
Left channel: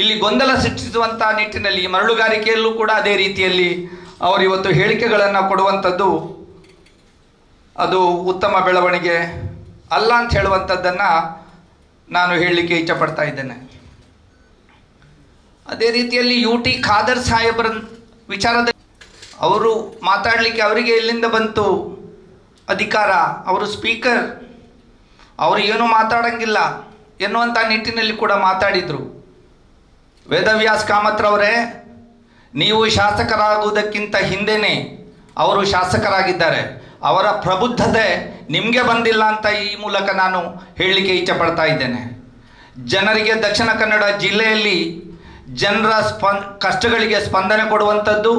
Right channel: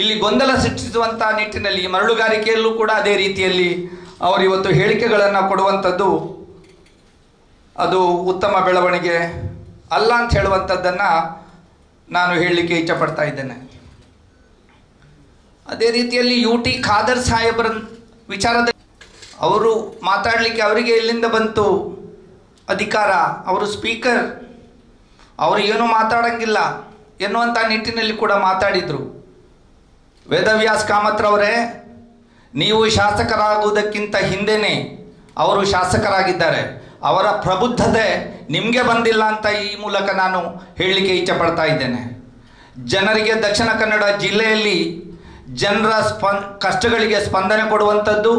ಇಲ್ಲಿ ಗೊಂದಲ ಸೃಷ್ಟಿಸುವಂಥ ನಿಟ್ಟಿನಲ್ಲಿ ಮರಳುಗಾರಿಕೆಯಲ್ಲೂ ಕೂಡ ಅದೇ ರೀತಿಯಲ್ಲಿ ಅವರು ಇವತ್ತು ಹೇಳಿಕೆಗಳನ್ನು ಕೊಡುವಂಥದ್ದು ಅದು ಉತ್ತಮ ಬೆಳವಣಿಗೆ ಅಲ್ಲ ಅಂತ ಹೇಳುವಂಥದ್ದನ್ನು ನಾನು ಹೇಳಲಿಕ್ಕೆ ಇಚ್ಛಪಡ್ತಾ ಇದ್ದೇನೆ. ಅದೇ ರೀತಿಯಲ್ಲಿ UT ಖಾದರ್ ಸಾಹೇಬರ ವಿಚಾರದಲ್ಲಿ ಅವರು ಮಾತಾಡಲಿಕ್ಕೆ ಅವರಿಗೆ ಎಲ್ಲಿಂದ ಬಂತು ಅಧಿಕಾರ? ಅವರು ಸ್ಪೀಕರ್, ಅವರು ಏನು ಮಾತಾಡಂಗಿಲ್ಲ ಎನ್ನುವಂಥ ನಿಟ್ಟಿನಲ್ಲಿ ಕೂಡ ಮಾತಾಡಿದರು. ವೇದವ್ಯಾಸ್ ಕಾಮತ್ರವರೇ, ನೀವು ಶಾಸಕರಾಗುವುದಕ್ಕಿಂತ ಹಿಂದೆಯೇ ಅವರು ಶಾಸಕರಾಗಿದ್ದಾರೆ. ಅವರ ಪ್ರಬುದ್ಧತೆ ನಿಮಗೆ ಬಂದಿಲ್ಲ ಅಂತ ಈ ಮೂಲಕ ನಾನು ಹೇಳಲಿಕ್ಕೆ ಇಚ್ಛಪಡ್ತಾ ಇದ್ದೇನೆ. ಜನರಿಗೆ ದಕ್ಷಿಣ ಕನ್ನಡ ಜಿಲ್ಲೆಯಲ್ಲಿ ಜನರ ಕಷ್ಟಗಳಿಗೆ ಸ್ಪಂದನೆ ಕೊಡುವಂಥದ್ದು,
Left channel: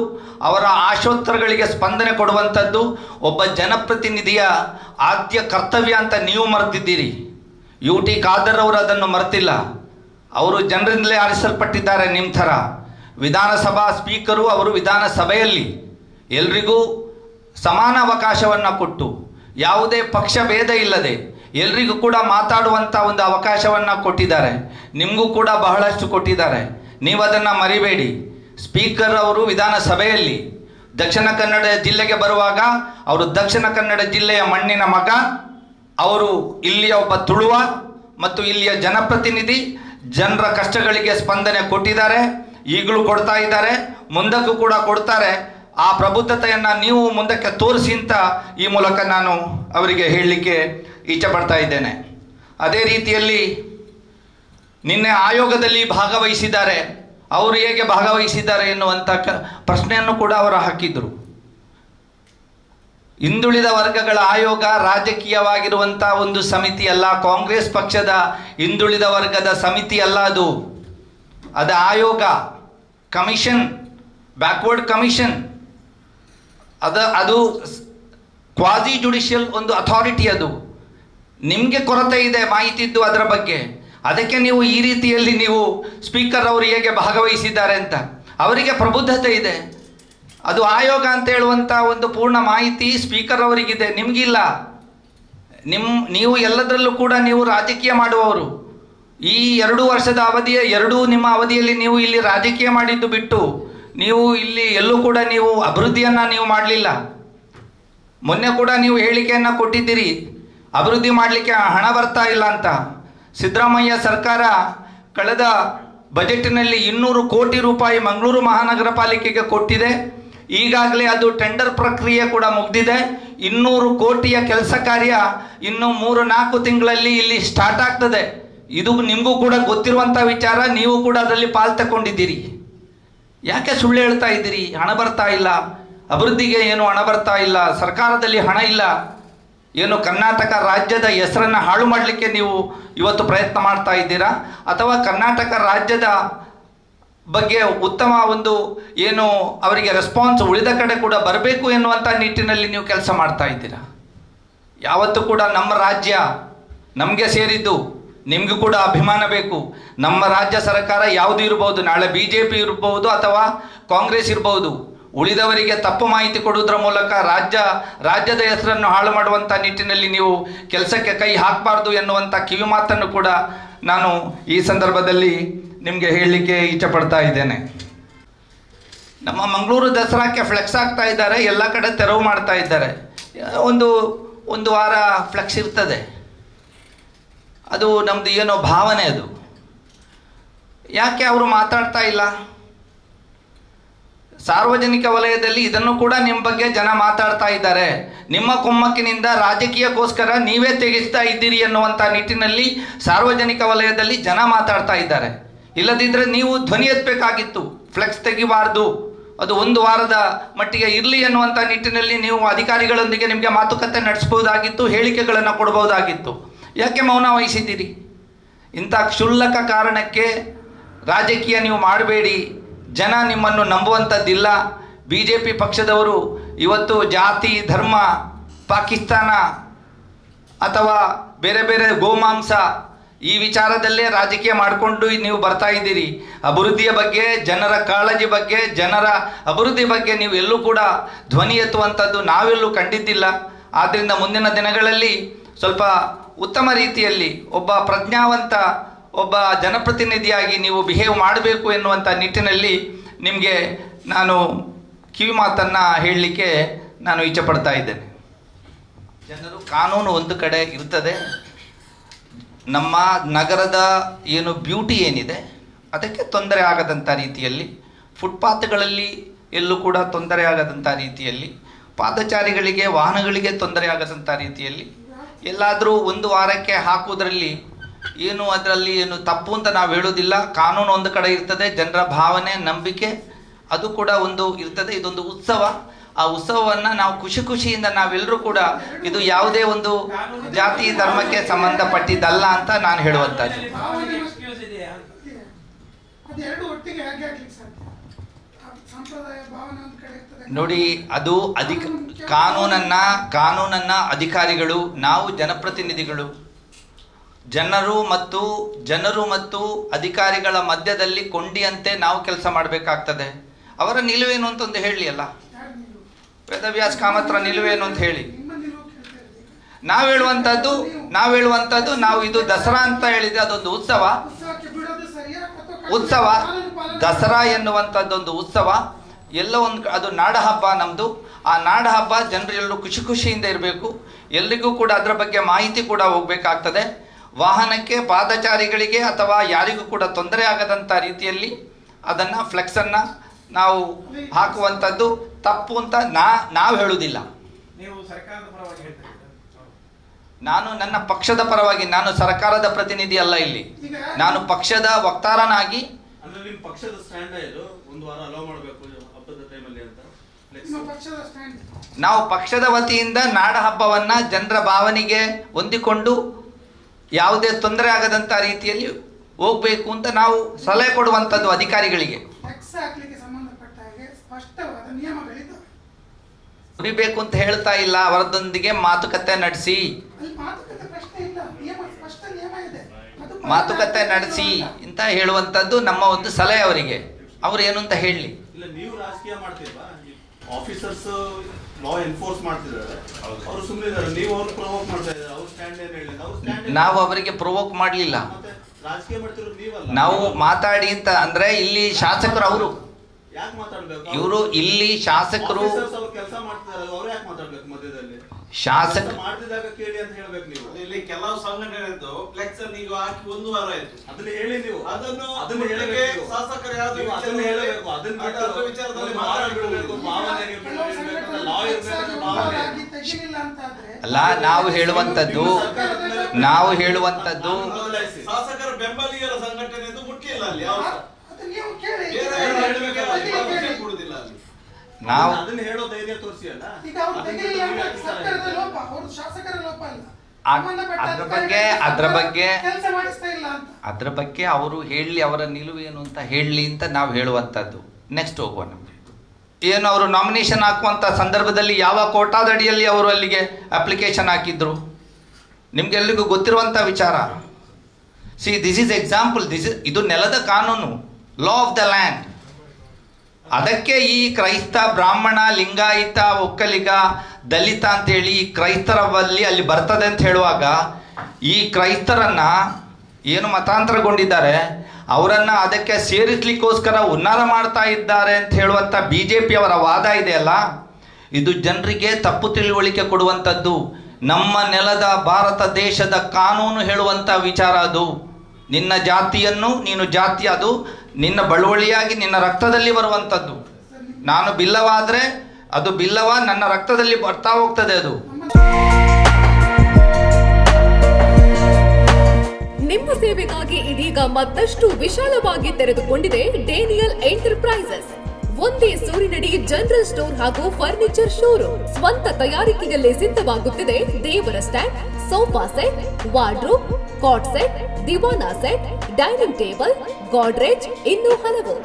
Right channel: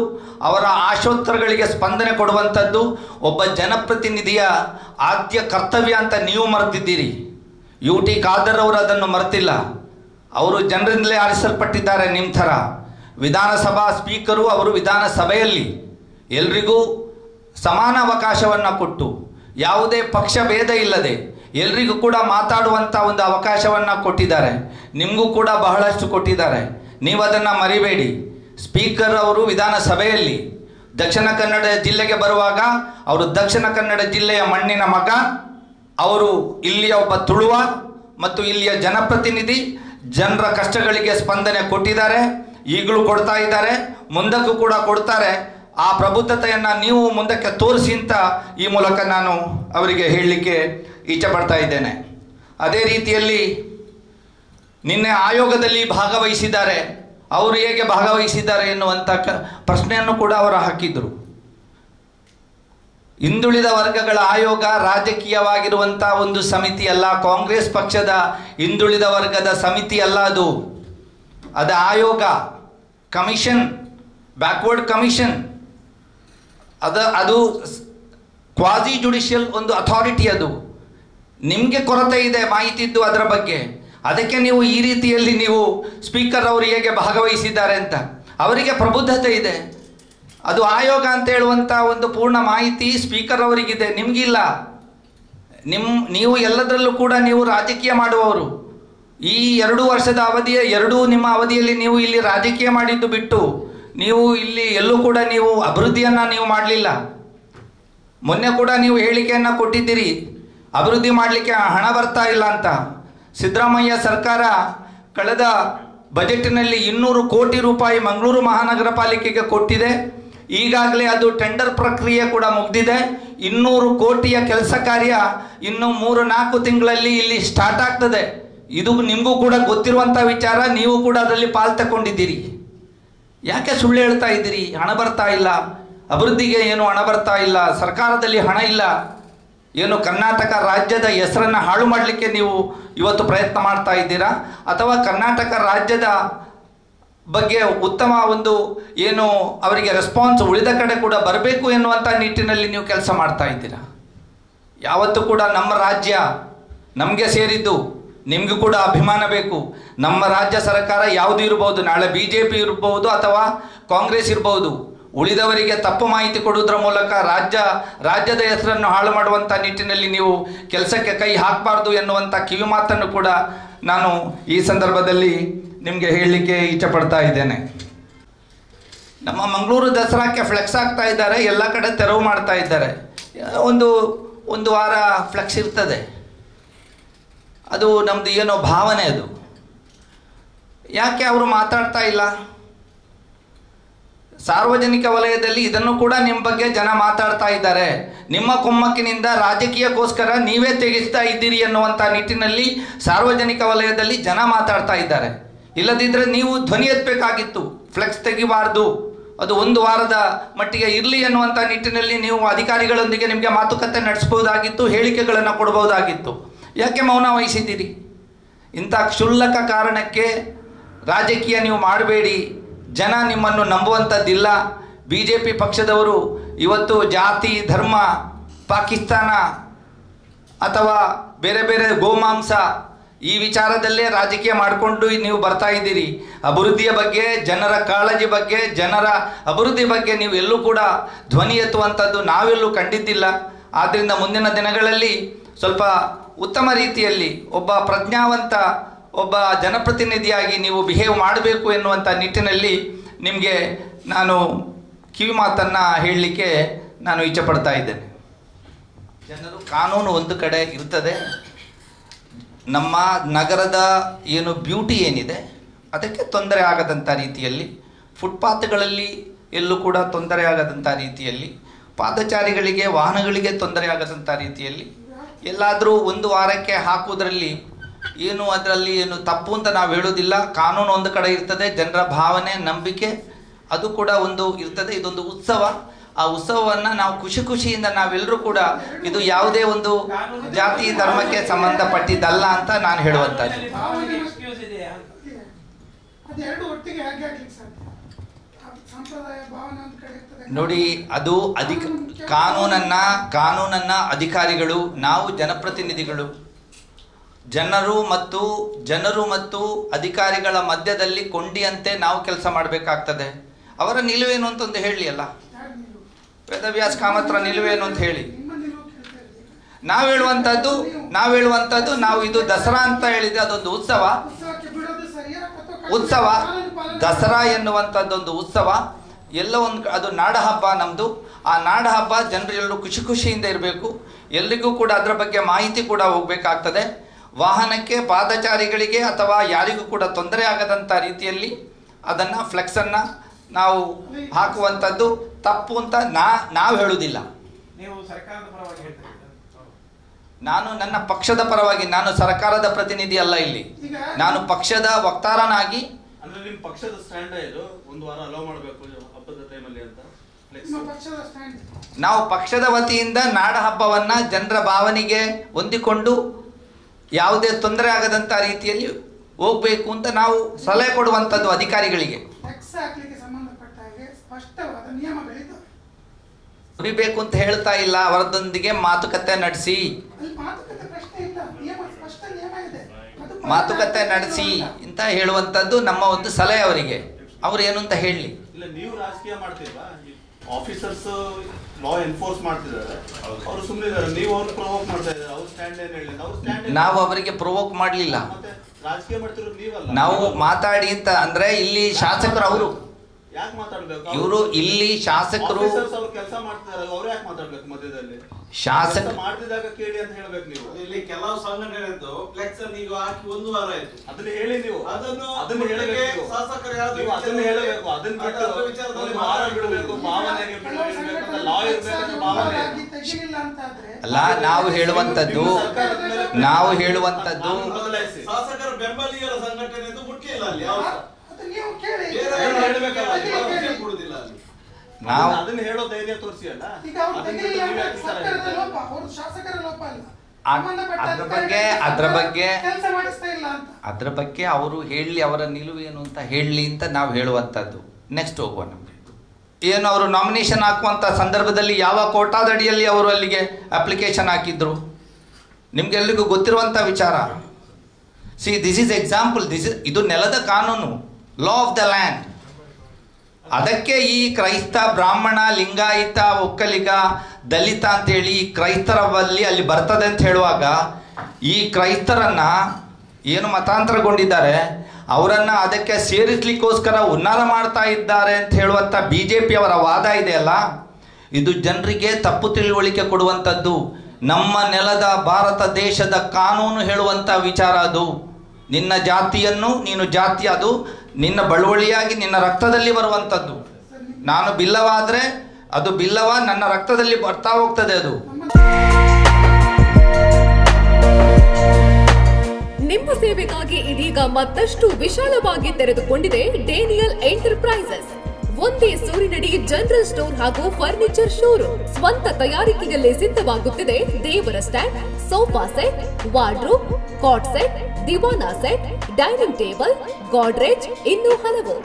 ಅವರ ಆಶೋತ್ತರಗಳಿಗೆ ಸ್ಪಂದನೆ ಕೊಡುವಂಥದ್ದು ಒಬ್ಬ ಜನಪ್ರತಿನಿಧಿಯ ಆದ್ಯ ಕರ್ತವ್ಯ ಅಂತ ನೀವು ಮರೆತಿದ್ದೀರಿ. UT ಖಾದರ್ ಅವರು ಅದನ್ನು ಮರೆತಿಲ್ಲ. ಅವರು ಜನರಿಂದಲೇ ಆರಿಸಲ್ಪಟ್ಟಿದ್ದಾರೆ. ನಿಮ್ಮ ಥರ ವಿಧಾನಸಭಾ ಸ್ಪೀಕರು ಅವರು ವಿಧಾನಸಭೆಯಲ್ಲಿ ಎಲ್ರಿಗೂ ಸಮಾನ ಅವಕಾಶವನ್ನು ಕೊಟ್ಟು ಯಾವುದೇ ಪಕ್ಷ ಭೇದ ಇಲ್ಲದೆ ಎಲ್ರಿಗೂ ಕೂಡ ಮಾತಾಡುವಂಥ ಒಂದು ಅವಕಾಶವನ್ನು ಕೊಟ್ಟಿದ್ದಾರೆ. ನಿಮಗೂ ಕೂಡ ಬಹಳಷ್ಟು ಕೊಟ್ಟಿದ್ದಾರೆ. ನೀವು ಅದನ್ನು ಮರಿಬೇಡಿ. ಸ್ಪೀಕರ್ ಅವರು ವಿಧಾನಸಭೆಯಲ್ಲಿ ದಕ್ಷಿಣ ಕನ್ನಡ ಜಿಲ್ಲೆಗೆ ಬರುವಾಗ ಅವರು ದಕ್ಷಿಣ ಕನ್ನಡ ಜಿಲ್ಲೆಯ ಮಣ್ಣಿನ ಮಗ, ಅವರು ಇಲ್ಲಿಯ ಒಬ್ಬ ತುಳುವ ಮತ್ತು ಇಲ್ಲಿಯ ಜನಪ್ರತಿನಿಧಿ. ಜನರ ಕಷ್ಟಗಳಿಗೆ ಸ್ಪಂದನೆ ಕೊಟ್ಟಿದ್ದಾರೆ, ಈಗಲೂ ಕೊಡ್ತಾ ಇದ್ದಾರೆ, ಮುಂದಕ್ಕೂ ಕೂಡ ಕೊಡ್ತಾರೆ. ಆ ಪ್ರಬುದ್ಧತೆಯನ್ನು ನೀವು ಮುಂದಕ್ಕೆ ತೋರಿಸಿ ಅಂತ ಈ ಮೂಲಕ ನಾನು ಅವರಿಗೆ ಹೇಳಲಿಕ್ಕೆ ಇಚ್ಛಪಡ್ತಾ ಇದ್ದೇನೆ. ಅದೇ ರೀತಿಯಲ್ಲಿ ನಿನ್ನೆ ಆಯೋಗದಲ್ಲಿ ಭಾಗವಹಿಸಿದ್ದಾರೆ. ಅವರು ಹೇಗೆ ಭಾಗವಹಿಸಿದ್ದಾರೆ ಎನ್ನುವಂಥ ಪ್ರಶ್ನೆಯನ್ನು ಕೂಡ ಅವರು ಹಾಕಿದರು. ಹಿಂದುಳಿದ ವರ್ಗಗಳ ಆಯೋಗ ರಾಜಕೀಯವಾಗಿರುವಂಥ ಒಂದು ಸಮಿತಿ ಅಲ್ಲ, ಕಾಂಗ್ರೆಸ್ ಪಕ್ಷದ ಹಿಂದುಳಿದ ವರ್ಗದ ಸಮಿತಿ ಅಲ್ಲ. ಅದು ಆಯೋಗ, ಕಮಿಷನ್, ಬ್ಯಾಕ್ವರ್ಡ್ ಕಮಿಷನ್. ಅದು ಕ್ವಾಸಿ ಜುಡಿಷಿಯಲ್ ಒಂದು ಅಥಾರಿಟಿ. ಅದು ನಿಮಗೆ ಕೊರತೆ ಇದೆ ಮಾಹಿತಿದ್ದು ಅದರ ಬಗ್ಗೆ. ಅದಕ್ಕೆ ನೀವು ಈ ರೀತಿಯಲ್ಲಿ ನೀವು ಸ್ಪೀಕರ್ ಅವರು ಹೇಗೆ ಭಾಗವಹಿಸಿದ್ದಾರೆ ಅಂತ, ಅವರಿಗೆ ಪ್ರಬುದ್ಧತೆ ಇದೆ. ಅದು ಆಯೋಗ ಅಂತ ಹೇಳುವಂಥ ಒಂದು ಪೂರ್ಣ ಮಾಹಿತಿ ಸ್ಪೀಕರ್ ಅವರಿಗಿದೆ, ನಿಮಗಿಲ್ಲ. ನೀವು ಎಲ್ಲದರಲ್ಲೂ ಕೂಡ ನೀವು ರಾಜಕೀಯ ಮಾಡುವವರು. ಈ 2 ವರ್ಷದ ನಿಮ್ಮ ಅವಧಿಯಲ್ಲಿ ನೀವು ಇಲ್ಲಿ ರಾಜಕೀಯ ಮಾಡಿದ್ದು ಬಿಟ್ಟು ನೀವು ಇಲ್ಲಿ ಎಲ್ಲೂ ಕೂಡ ನೀವು ಅಭಿವೃದ್ಧಿಯನ್ನು ನೀವು ಮಾಡಲಿಲ್ಲ. ಮೊನ್ನೆ ಕೂಡ ನೀವು ಹೇಳಿಕೆಯನ್ನು ಕೊಟ್ಟಿದ್ದೀರಿ, ಅಭಿವೃದ್ಧಿ ಮಾಡಲಿಕ್ಕೆ ಹಣ ಬರ್ತಾ ಇಲ್ಲ ಅಂತ. ಸಿದ್ದರಾಮಯ್ಯ ಸರ್ಕಾರ ಕಳೆದ ಬಜೆಟ್ನಲ್ಲಿ 200 ಕೋಟಿ ರೂಪಾಯಿ ಮಂಗಳೂರು ಮಹಾನಗರ ಪಾಲಿಕೆಗೆ ಕೊಟ್ಟಿದೆ. ಈಗಾಗಲೇ ಅದು ಟೆಂಡರ್ ಪ್ರಕ್ರಿಯೆ ಕೂಡ ಮುಗಿದಿದೆ. 200 ಕೋಟಿಯ ಕೆಲಸ ಕಾರ್ಯ ಇನ್ನು 3-4 ತಿಂಗಳಲ್ಲಿ ಇಲ್ಲಿ ಸ್ಟಾರ್ಟ್ ಆಗ್ತದೆ. ಇದು ನಿಮಗೂ ಕೂಡ ಗೊತ್ತಿರುವಂಥ ವಿಚಾರ. ನೀವು ಕೂಡ ಅದರಲ್ಲಿ ಪಾಲು ತಗೊಂಡಿದ್ದೀರಿ. ಯಾಕೆ ಸುಳ್ಳು ಹೇಳ್ತಾ ಇದ್ದೀರಿ? ಹಣ ಬರ್ತಾ ಇಲ್ಲ, ಅಭಿವೃದ್ಧಿಗೆ ಏನು ಹಣ ಬರ್ತಾ ಇಲ್ಲ, ಸರ್ಕಾರದಲ್ಲಿ ಹಣ ಇಲ್ಲ, ಏನು ಕರ್ನಾಟಕ ರಾಜ್ಯದ ಹೆಸರನ್ನು ಹಾಳು ಮಾಡಲಿಕ್ಕೆ ನೀವು ಇವತ್ತು ಪ್ರಯತ್ನ ಮಾಡ್ತಾ ಇದ್ದೀರಾ? ಅಥವಾ ಕರ್ನಾಟಕ ರಾಜ್ಯದ ಬಗ್ಗೆ ಉತ್ತಮ ಒಂದು ಏನು ಅವರಿಗೆ ರೆಸ್ಪಾನ್ಸ್ ಉಳಿದ ಕಡೆ ಕೂಡ ಬರಬೇಕು ಎನ್ನುವಂಥ ನಿಟ್ಟಿನಲ್ಲಿ ನೀವು ಕೆಲಸ ಮಾಡ್ತಾ ಇದ್ದೀರಾ. ಯಾವತ್ತೂ ಕೂಡ ನಮ್ಮ ರಾಜ್ಯ ನಮಗೆ ಸೇರಿದ್ದು, ನಿಮಗೂ ಕೂಡ ಅಭಿಮಾನ ಬೇಕು. ನಮ್ಮ ರಾಜ್ಯ ಸರ್ಕಾರ ಯಾವುದು ಇರ್ಬೋದು, ನಾಳೆ BJP ಇರ್ಬೋದು ಅಥವಾ ಕಾಂಗ್ರೆಸ್ ಇರ್ಬೋದು, ಉಳಿದವರಿಗೆ ತಪ್ಪು ಮಾಹಿತಿ ಕೊಡುವುದರ ಮೂಲಕ ರಾಜ್ಯದ ಹೆಸರನ್ನು ಹಾಳು ಮಾಡುವಂಥ ನಿಟ್ಟಿನಲ್ಲಿ ನೀವು ಕೆಲಸಕ್ಕೆ ಕೈ ಹಾಕಬಾರ್ದು ಎನ್ನುವಂಥ ಕಿವಿ ಮಾತನ್ನು ಕೂಡ ನಾನು ಈ ಸಂದರ್ಭದಲ್ಲಿ ನಿಮಗೆ ಹೇಳಲಿಕ್ಕೆ ಇಚ್ಛಪಡ್ತಾ ಇದ್ದೇನೆ. ನಮ್ಮ ಮಂಗಳೂರು ದಸರಾಕ್ಕೆ ಫ್ಲೆಕ್ಸ್ ಆಗ್ತಾ ಇದ್ದಾರೆ, ಎಲ್ಲ ಕಡೆ ತೆರವು ಮಾಡ್ತಾ ಇದ್ದಾರೆ. ಒಂದು ವಾರ ಫ್ಲೆಕ್ಸ್ ಇರ್ತದೆ, ಅದು ನಮ್ಮದು ಏನೋ ಭಾವನೆ. ಅದು ಯಾಕೆ ಅವರು ಮಾತಾಡ್ತಾ ಇಲ್ಲ? ಸಾರ್ವಜನಿಕ ವಲಯದಲ್ಲಿ ಇದನ್ನು ಕೂಡ ನಿಮ್ಮ ಬಗ್ಗೆ ಜನ ಮಾತಾಡ್ತಾ ಇದ್ದಾರೆ. ನಿಮ್ಮ ಕುಮ್ಮಕ್ಕಿನಿಂದ ರಾಜಕೀಯಕ್ಕೋಸ್ಕರ ನೀವೇ ತೆಗೆಸ್ತಾ ಇದ್ದೀರಿ ಎನ್ನುವಂಥ ನಿಟ್ಟಿನಲ್ಲಿ ಸಾರ್ವಜನಿಕ ವಲಯದಲ್ಲಿ ಜನ ಮಾತಾಡ್ತಾ ಇದ್ದಾರೆ. ಇಲ್ಲದಿದ್ದರೆ ನೀವು ಧ್ವನಿ ಎತ್ತಬೇಕಾಗಿತ್ತು, ಫ್ಲೆಕ್ಸ್ ತೆಗಿಬಾರ್ದು, ಅದು ಒಂದು ವಾರದ ಮಟ್ಟಿಗೆ ಇರಲಿ ಎನ್ನುವಂಥ ನಿಟ್ಟಿನಲ್ಲಿ ನೀವು ಅಧಿಕಾರಿಗಳೊಂದಿಗೆ ನಿಮಗೆ ಮಾತುಕತೆ ನಡೆಸ್ಬೋದಾಗಿತ್ತು, ಹೇಳಿಕೆಗಳನ್ನು ಕೊಡ್ಬೋದಾಗಿತ್ತು. ಯಾಕೆ ಮೌನ ವಹಿಸಿದ್ದೀರಿ? ಇಂಥ ಕ್ಷುಲ್ಲಕ ಕಾರಣಕ್ಕೆ ರಾಜಕೀಯ ನೀವು ಮಾಡಬೇಡಿ. ಜನ ನಿಮ್ಮನ್ನು ನಂಬುವಂಥದ್ದಿಲ್ಲ. BJP ಪಕ್ಷದವರು ಇವತ್ತು ಜಾತಿ, ಧರ್ಮ, ಪಾಕಿಸ್ತಾನ ಅಥವಾ ಬೇರೆ ಬೇರೆ ಗೋಮಾಂಸ ಈ ವಿಚಾರದಲ್ಲೇ ರಾಜಕೀಯ ಮಾಡಿಕೊಂಡು ನೀವು ಬರ್ತಾ ಇದ್ದೀರಿ. ಅಭಿವೃದ್ಧಿಯ ಬಗ್ಗೆ, ಜನರ ಕಾಳಜಿ ಬಗ್ಗೆ, ಜನರ ಅಭಿವೃದ್ಧಿ ಬಗ್ಗೆ ನೀವು ಎಲ್ಲೂ ಕೂಡ ಧ್ವನಿ ಎತ್ತುವಂಥದ್ದು ನಾವೆಲ್ಲೂ ಕಂಡಿದ್ದಿಲ್ಲ. ಆದ್ದರಿಂದ ಮುಂದಿನ ದಿನಗಳಲ್ಲಿ ಸ್ವಲ್ಪ ಉತ್ತಮ ರೀತಿಯಲ್ಲಿ ಒಬ್ಬ ಪ್ರಜ್ಞಾವಂತ ಒಬ್ಬ ಜನಪ್ರತಿನಿಧಿಯಾಗಿ ನೀವು ಬಿಹೇವ್ ಮಾಡಬೇಕು ಎನ್ನುವಂಥ ನಿಟ್ಟಿನಲ್ಲಿ ನಿಮಗೆ ನಾನು ಕಿವಿ ಮಾತನ್ನು ಹೇಳಲಿಕ್ಕೆ ನಾನು ಇಚ್ಛಪಡ್ತಾ ಇದ್ದೇನೆ. ಜನರು ಕಾನೂನು ಒಂದು ಕಡೆ ಇರ್ತದೆ, ನಮ್ಮ ನಗರದ ಏನು ಬ್ಯೂಟಿ ಏನಿದೆ ಅದಕ್ಕೆ ತೊಂದರೆ ಆಗದಂಥ ರೀತಿಯಲ್ಲಿ, ಫುಟ್ಪಾತ್ಗಳಲ್ಲಿ ಎಲ್ಲೂ ಕೂಡ ತೊಂದರೆ ಆಗದಂಥ ರೀತಿಯಲ್ಲಿ, ಪಾದಚಾರಿಗಳಿಗೆ ವಾಹನಗಳಿಗೆ ತೊಂದರೆ ಆಗದಂಥ ರೀತಿಯಲ್ಲಿ ಎಲ್ಲಾದರೂ ಒಂದು ವಾರಕ್ಕೆ ಹಾಕುವುದರಲ್ಲಿ ಅದರಲ್ಲಿ ಏನು ತಪ್ಪು ಅಂತ ನಾವು ಹೇಳೋದಿಲ್ಲ. ಕಾನೂನು ಒಂದು ಕಡೆ ಇರ್ತದೆ, ಜನರ ಭಾವನೆ, ನಂಬಿಕೆ ಅದು ಕೂಡ ಒಂದು ಇರ್ತದೆ. ಇದೊಂದು ಉತ್ಸವ. ಆ ಉತ್ಸವವನ್ನು ನಾವು ಖುಷಿಯಿಂದ ನಾವೆಲ್ಲರೂ ಕೂಡ ಇದು ಯಾವುದೇ ಒಂದು ಜಾತಿ ಧರ್ಮಕ್ಕೆ ಸಂಬಂಧಪಟ್ಟಿದ್ದಲ್ಲ ಅಂತ ನಾನು ಹೇಳುವಂಥದ್ದು. ನೋಡಿ, ಅದು ಕಾನೂನನ್ನ ಅಧಿಕಾರಿಗಳು, ನಾವು ಜನಪ್ರತಿನಿಧಿಗಳು, ಜನರು ಮತ್ತು ಅಧಿಕಾರಿಗಳ ಮಧ್ಯದಲ್ಲಿ ಕೊಂಡಿಯಂತೆ ನಾವು ಕೆಲಸ ಮಾಡಬೇಕಾಗ್ತದೆ. ಅವರ ನಿಲುವೇನು ಅಂತಂದು ಹೇಳಿ ಅಲ್ಲ, ವೇದವ್ಯಾಸ ಕಾಮತ್ರ ನಿಲುವೇನು ಅಂತ ಹೇಳಿ. ನಾವು ಹೇಳುವಂಥದ್ದು ನಾವು ಇದು ದಸರಾ ಅಂತ ಹೇಳಿದ್ರೆ ಅದೊಂದು ಉತ್ಸವ. ದಸರಾ ಎನ್ನುವಂಥದ್ದೊಂದು ಉತ್ಸವ, ಎಲ್ಲ ಅದು ನಾಡ ಹಬ್ಬ ನಮ್ಮದು. ಆ ನಾಡ ಹಬ್ಬ ಜನರು ಎಲ್ಲರೂ ಖುಷಿಯಿಂದ ಇರಬೇಕು. ಎಲ್ರಿಗೂ ಕೂಡ ಅದರ ಬಗ್ಗೆ ಮಾಹಿತಿ ಕೂಡ ಹೋಗಬೇಕಾಗ್ತದೆ. ವಾಹನಕ್ಕೆ, ಪಾದಚಾರಿಗಳಿಗೆ ಅಥವಾ ಯಾರಿಗೂ ಕೂಡ ತೊಂದರೆ ಆಗದಂಥ ರೀತಿಯಲ್ಲಿ ಅದನ್ನು ಫ್ಲೆಕ್ಸನ್ನು ನಾವು ಹಾಕುವಂಥದ್ದು ತಪ್ಪು ಅಂತ ನಾವು ಹೇಳುವುದಿಲ್ಲ. ನಾನು ನನ್ನ ಪಕ್ಷದ ಪರವಾಗಿ, ನಾನು ಸರ್ಕಾರದ ಪ್ರತಿನಿಧಿ ಅಲ್ಲ. ಇಲ್ಲಿ ನಾನು ಪಕ್ಷದ ವಕ್ತಾರನಾಗಿ ನಾವು ಪಕ್ಷದ ವತಿಯಿಂದ ನಾಡ ಹಬ್ಬವನ್ನ ಜನರ ಭಾವನೆಗೆ ಹೊಂದಿಕೊಂಡು ಯಾವುದೇ ತೊಂದರೆ ಆಗದಂತ ರೀತಿಯಲ್ಲಿ ಹೋಗಬೇಕು ಅಂತ ನಾವು ಸಲಹೆ ಕೊಡುವಂತದ್ದು ಅಧಿಕಾರಿಗಳಿಗೆ. ಉರಿಬೇಕು ಅಂತ ಹೇಳ್ತಾ ಇಲ್ಲ, ಅವರದೊಂದಿಗೆ ಮಾತುಕತೆ ನಡೆಸಿ ಅಂತ ಹೇಳುವಂತದ್ದು ನಮ್ಮ ಒಂದು ಸಲಹೆ ಅವರಿಗೆ. ಅವ್ರು ಏನು ಅಂತ ಹೇಳಲಿ. ನೀವು ರಾಜಕೀಯ ಮಾಡ್ತಿಲ್ವಾ? ಆಫೀಸರ್ಸ್ ಲಾ ಎನ್ಫೋರ್ಸ್ ಮಾಡ್ತಿದ್ದಾರೆ, ಅವರು ಸುಮ್ಮನೆ ಇದ್ದಾರೆ, ನೀವು ಅವ್ರು ಪ್ರೊವೋಕ್ ಮಾಡ್ತಾ ಇದ್ದಾರೆ. ಅವ್ರ ಸ್ಟ್ಯಾಂಡ್ ಏನು ಹೇಳಿಲ್ಲ, ಅವ್ರ ಸ್ಟ್ಯಾಂಡ್ ನಾವು ಅವರಿಗೆ ಪ್ರೊವೋಕ್ ಮಾಡಲಿಲ್ಲ. ರಾಜಕೀಯ ಮಾಡ್ತಿರೋದು ನೀವಲ್ಲ. ನಾವು ಮಾತಾಡಿ ಅಂತ ಅಂದ್ರೆ ಇಲ್ಲಿ ಶಾಸಕರು ಅವರು ಯಾಕೆ ಮಾತಾಡ್ಬೇಕು? ಇವರು ಇಲ್ಲಿ ಶಾಸಕರು ಕೆಲಸ ಮಾಡ್ತಿದ್ದಾರೆ, ಅವ್ರು ಯಾಕೆ ಮಾತಾಡ್ಬೇಕು ಮಧ್ಯದಲ್ಲಿ? ಶಾಸಕ ಮಾಡ್ತಿದ್ದಾಗ ಕೇಳಿ ಅಂತ ಹೇಳ್ಬೇಕು ನೀವು. ಇಲ್ಲಿ ಕೆಲವು ಸಂಘಟನೆದ್ದು ಫ್ಲೆಕ್ಸ್ ಅನ್ನು ಈಗ ಹಾಕಿ 1 ವಾರ ಆಯ್ತು. ಅದನ್ನ ಹೇಳಿ ನೀವು, ಅದನ್ನು ಹೇಳಬೇಕು. ಶಾಸಕರು ಯಾವುದು ಅದನ್ನ ಹೇಳಬೇಕು. ಅದನ್ನ ಬಿಟ್ಟು ವಿಚಾರದಲ್ಲಿ ಮಾತಾಡಬೇಕು, ಭಾವನೆಗೆ ಬಿಡಬೇಕು, ಲಾ ಇರಬೇಕು, ಭಾವನೆ ಅಲ್ಲ. ನಾವು ಹೇಳುವಂತದ್ದು ಶಾಸಕರ ಬೆಂಬಲಿಗರ ಸಂಘಟನೆದು ಮುಟ್ಲಿಲ್ಲ ಅಲ್ಲಿ. ನಾವು ಅದನ್ನ ಹೇಳೋ ಧೈರ್ಯ ತೋರಿಸಿ ಅಲ್ಲ. ಶಾಸಕರ ಲೋಪ ಅಲ್ಲ, ಅದ್ರ ಬಗ್ಗೆ ಅವರು ಹೇಳಲಿ, ಅವರ ನಿಲುವು ಏನು ಅಂತ ಹೇಳಲಿ ಅಂತ ನಾವು ಹೇಳುವಂಥದ್ದು. ನೆಕ್ಸ್ಟ್ ಹೋಗುವ. ನಮಗೆ ಏನು ಅವರು ನಾಮಿನೇಷನ್ ಹಾಕುವಂಥ ಸಂದರ್ಭದಲ್ಲಿ ಯಾವ ಕೋಟಾದಡಿಯಲ್ಲಿ ಅವರು ಅಲ್ಲಿಗೆ ಅಪ್ಲಿಕೇಶನ್ ಹಾಕಿದ್ರು ನಿಮ್ಗೆಲ್ರಿಗೂ ಗೊತ್ತಿರುವಂಥ ವಿಚಾರ. This is example. ಇದು ನೆಲದ ಕಾನೂನು, ಲಾ ಆಫ್ ದ ಲ್ಯಾಂಡ್. ಅದಕ್ಕೆ ಈ ಕ್ರೈಸ್ತ, ಬ್ರಾಹ್ಮಣ, ಲಿಂಗಾಯತ, ಒಕ್ಕಲಿಗ, ದಲಿತ ಅಂತೇಳಿ ಈ ಕ್ರೈಸ್ತರಲ್ಲಿ ಅಲ್ಲಿ ಬರ್ತದೆ ಅಂತ ಹೇಳುವಾಗ ಈ ಕ್ರೈಸ್ತರನ್ನ ಏನು ಮತಾಂತರಗೊಂಡಿದ್ದಾರೆ ಅವರನ್ನು ಅದಕ್ಕೆ ಸೇರಿಸ್ಲಿಕ್ಕೋಸ್ಕರ ಹುನ್ನಾರ ಮಾಡ್ತಾ ಇದ್ದಾರೆ ಅಂತ ಹೇಳುವಂಥ BJP ಅವರ ವಾದ ಇದೆಯಲ್ಲ, ಇದು ಜನರಿಗೆ ತಪ್ಪು ತಿಳುವಳಿಕೆ ಕೊಡುವಂಥದ್ದು. ನಮ್ಮ ನೆಲದ ಭಾರತ ದೇಶದ ಕಾನೂನು ಹೇಳುವಂಥ ವಿಚಾರ ಅದು. ನಿನ್ನ ಜಾತಿಯನ್ನು ನೀನು ಜಾತಿ, ಅದು ನಿನ್ನ ಬಳುವಳಿಯಾಗಿ ನಿನ್ನ ರಕ್ತದಲ್ಲಿ ಬರುವಂಥದ್ದು. ನಾನು ಬಿಲ್ಲವಾದರೆ ಅದು ಬಿಲ್ಲವ ನನ್ನ ರಕ್ತದಲ್ಲಿ ಬರ್ತಾ ಹೋಗ್ತದೆ ಅದು. ನಿಮ್ಮ ಸೇವೆಗಾಗಿ ಇದೀಗ ಮತ್ತಷ್ಟು ವಿಶಾಲವಾಗಿ ತೆರೆದುಕೊಂಡಿದೆ ಡೇನಿಯಲ್ ಎಂಟರ್ಪ್ರೈಸಸ್. ಒಂದೇ ಸೂರಿನಡಿ ಜನರಲ್ ಸ್ಟೋರ್ ಹಾಗೂ ಫರ್ನಿಚರ್ ಶೋರೂಮ್. ಸ್ವಂತ ತಯಾರಿಕೆಯಲ್ಲೇ ಸಿದ್ಧವಾಗುತ್ತಿದೆ ದೇವರ stand, sofa set, wardrobe, cot set, divan set, dining table, Godrej, ಇನ್ನೂ ಹಲವು.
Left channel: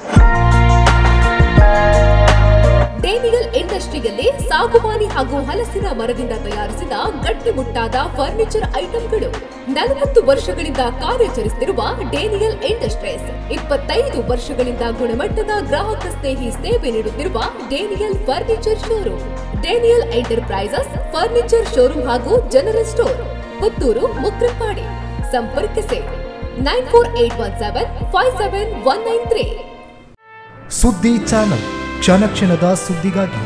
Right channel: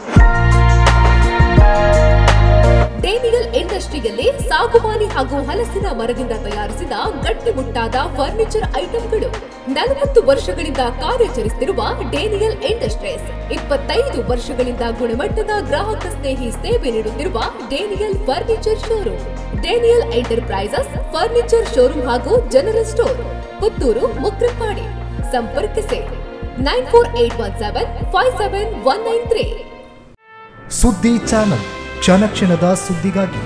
ಡೇನಿಯಲ್ ಇಂಡಸ್ಟ್ರಿಯಲ್ಲಿ ಸಾಗುವಾನಿ ಹಾಗೂ ಹಲಸಿನ ಮರದಿಂದ ತಯಾರಿಸಿದ ಗಟ್ಟಿಮುಟ್ಟಾದ ಫರ್ನಿಚರ್ ಐಟಂಗಳು. 40 ವರ್ಷಗಳಿಂದ ಕಾರ್ಯಾಚರಿಸುತ್ತಿರುವ ಡೇನಿಯಲ್ ಇಂಡಸ್ಟ್ರೀಸ್ 25 ವರ್ಷಗಳಿಂದ ಗುಣಮಟ್ಟದ ಗ್ರಾಹಕ ಸ್ನೇಹಿ ಸೇವೆ ನೀಡುತ್ತಿರುವ Daniel furniture showroom. Daniel enterprises furniture showroom ಹಾಗೂ ಜನರಲ್ ಸ್ಟೋರ್, ಪುತ್ತೂರು, ಮುಕ್ರಪಾಡಿ. ಸಂಪರ್ಕಿಸಿ 9481757193. ಸುದ್ದಿ ಚಾನಲ್, ಕ್ಷಣ ಕ್ಷಣದ ಸುದ್ದಿಗಾಗಿ.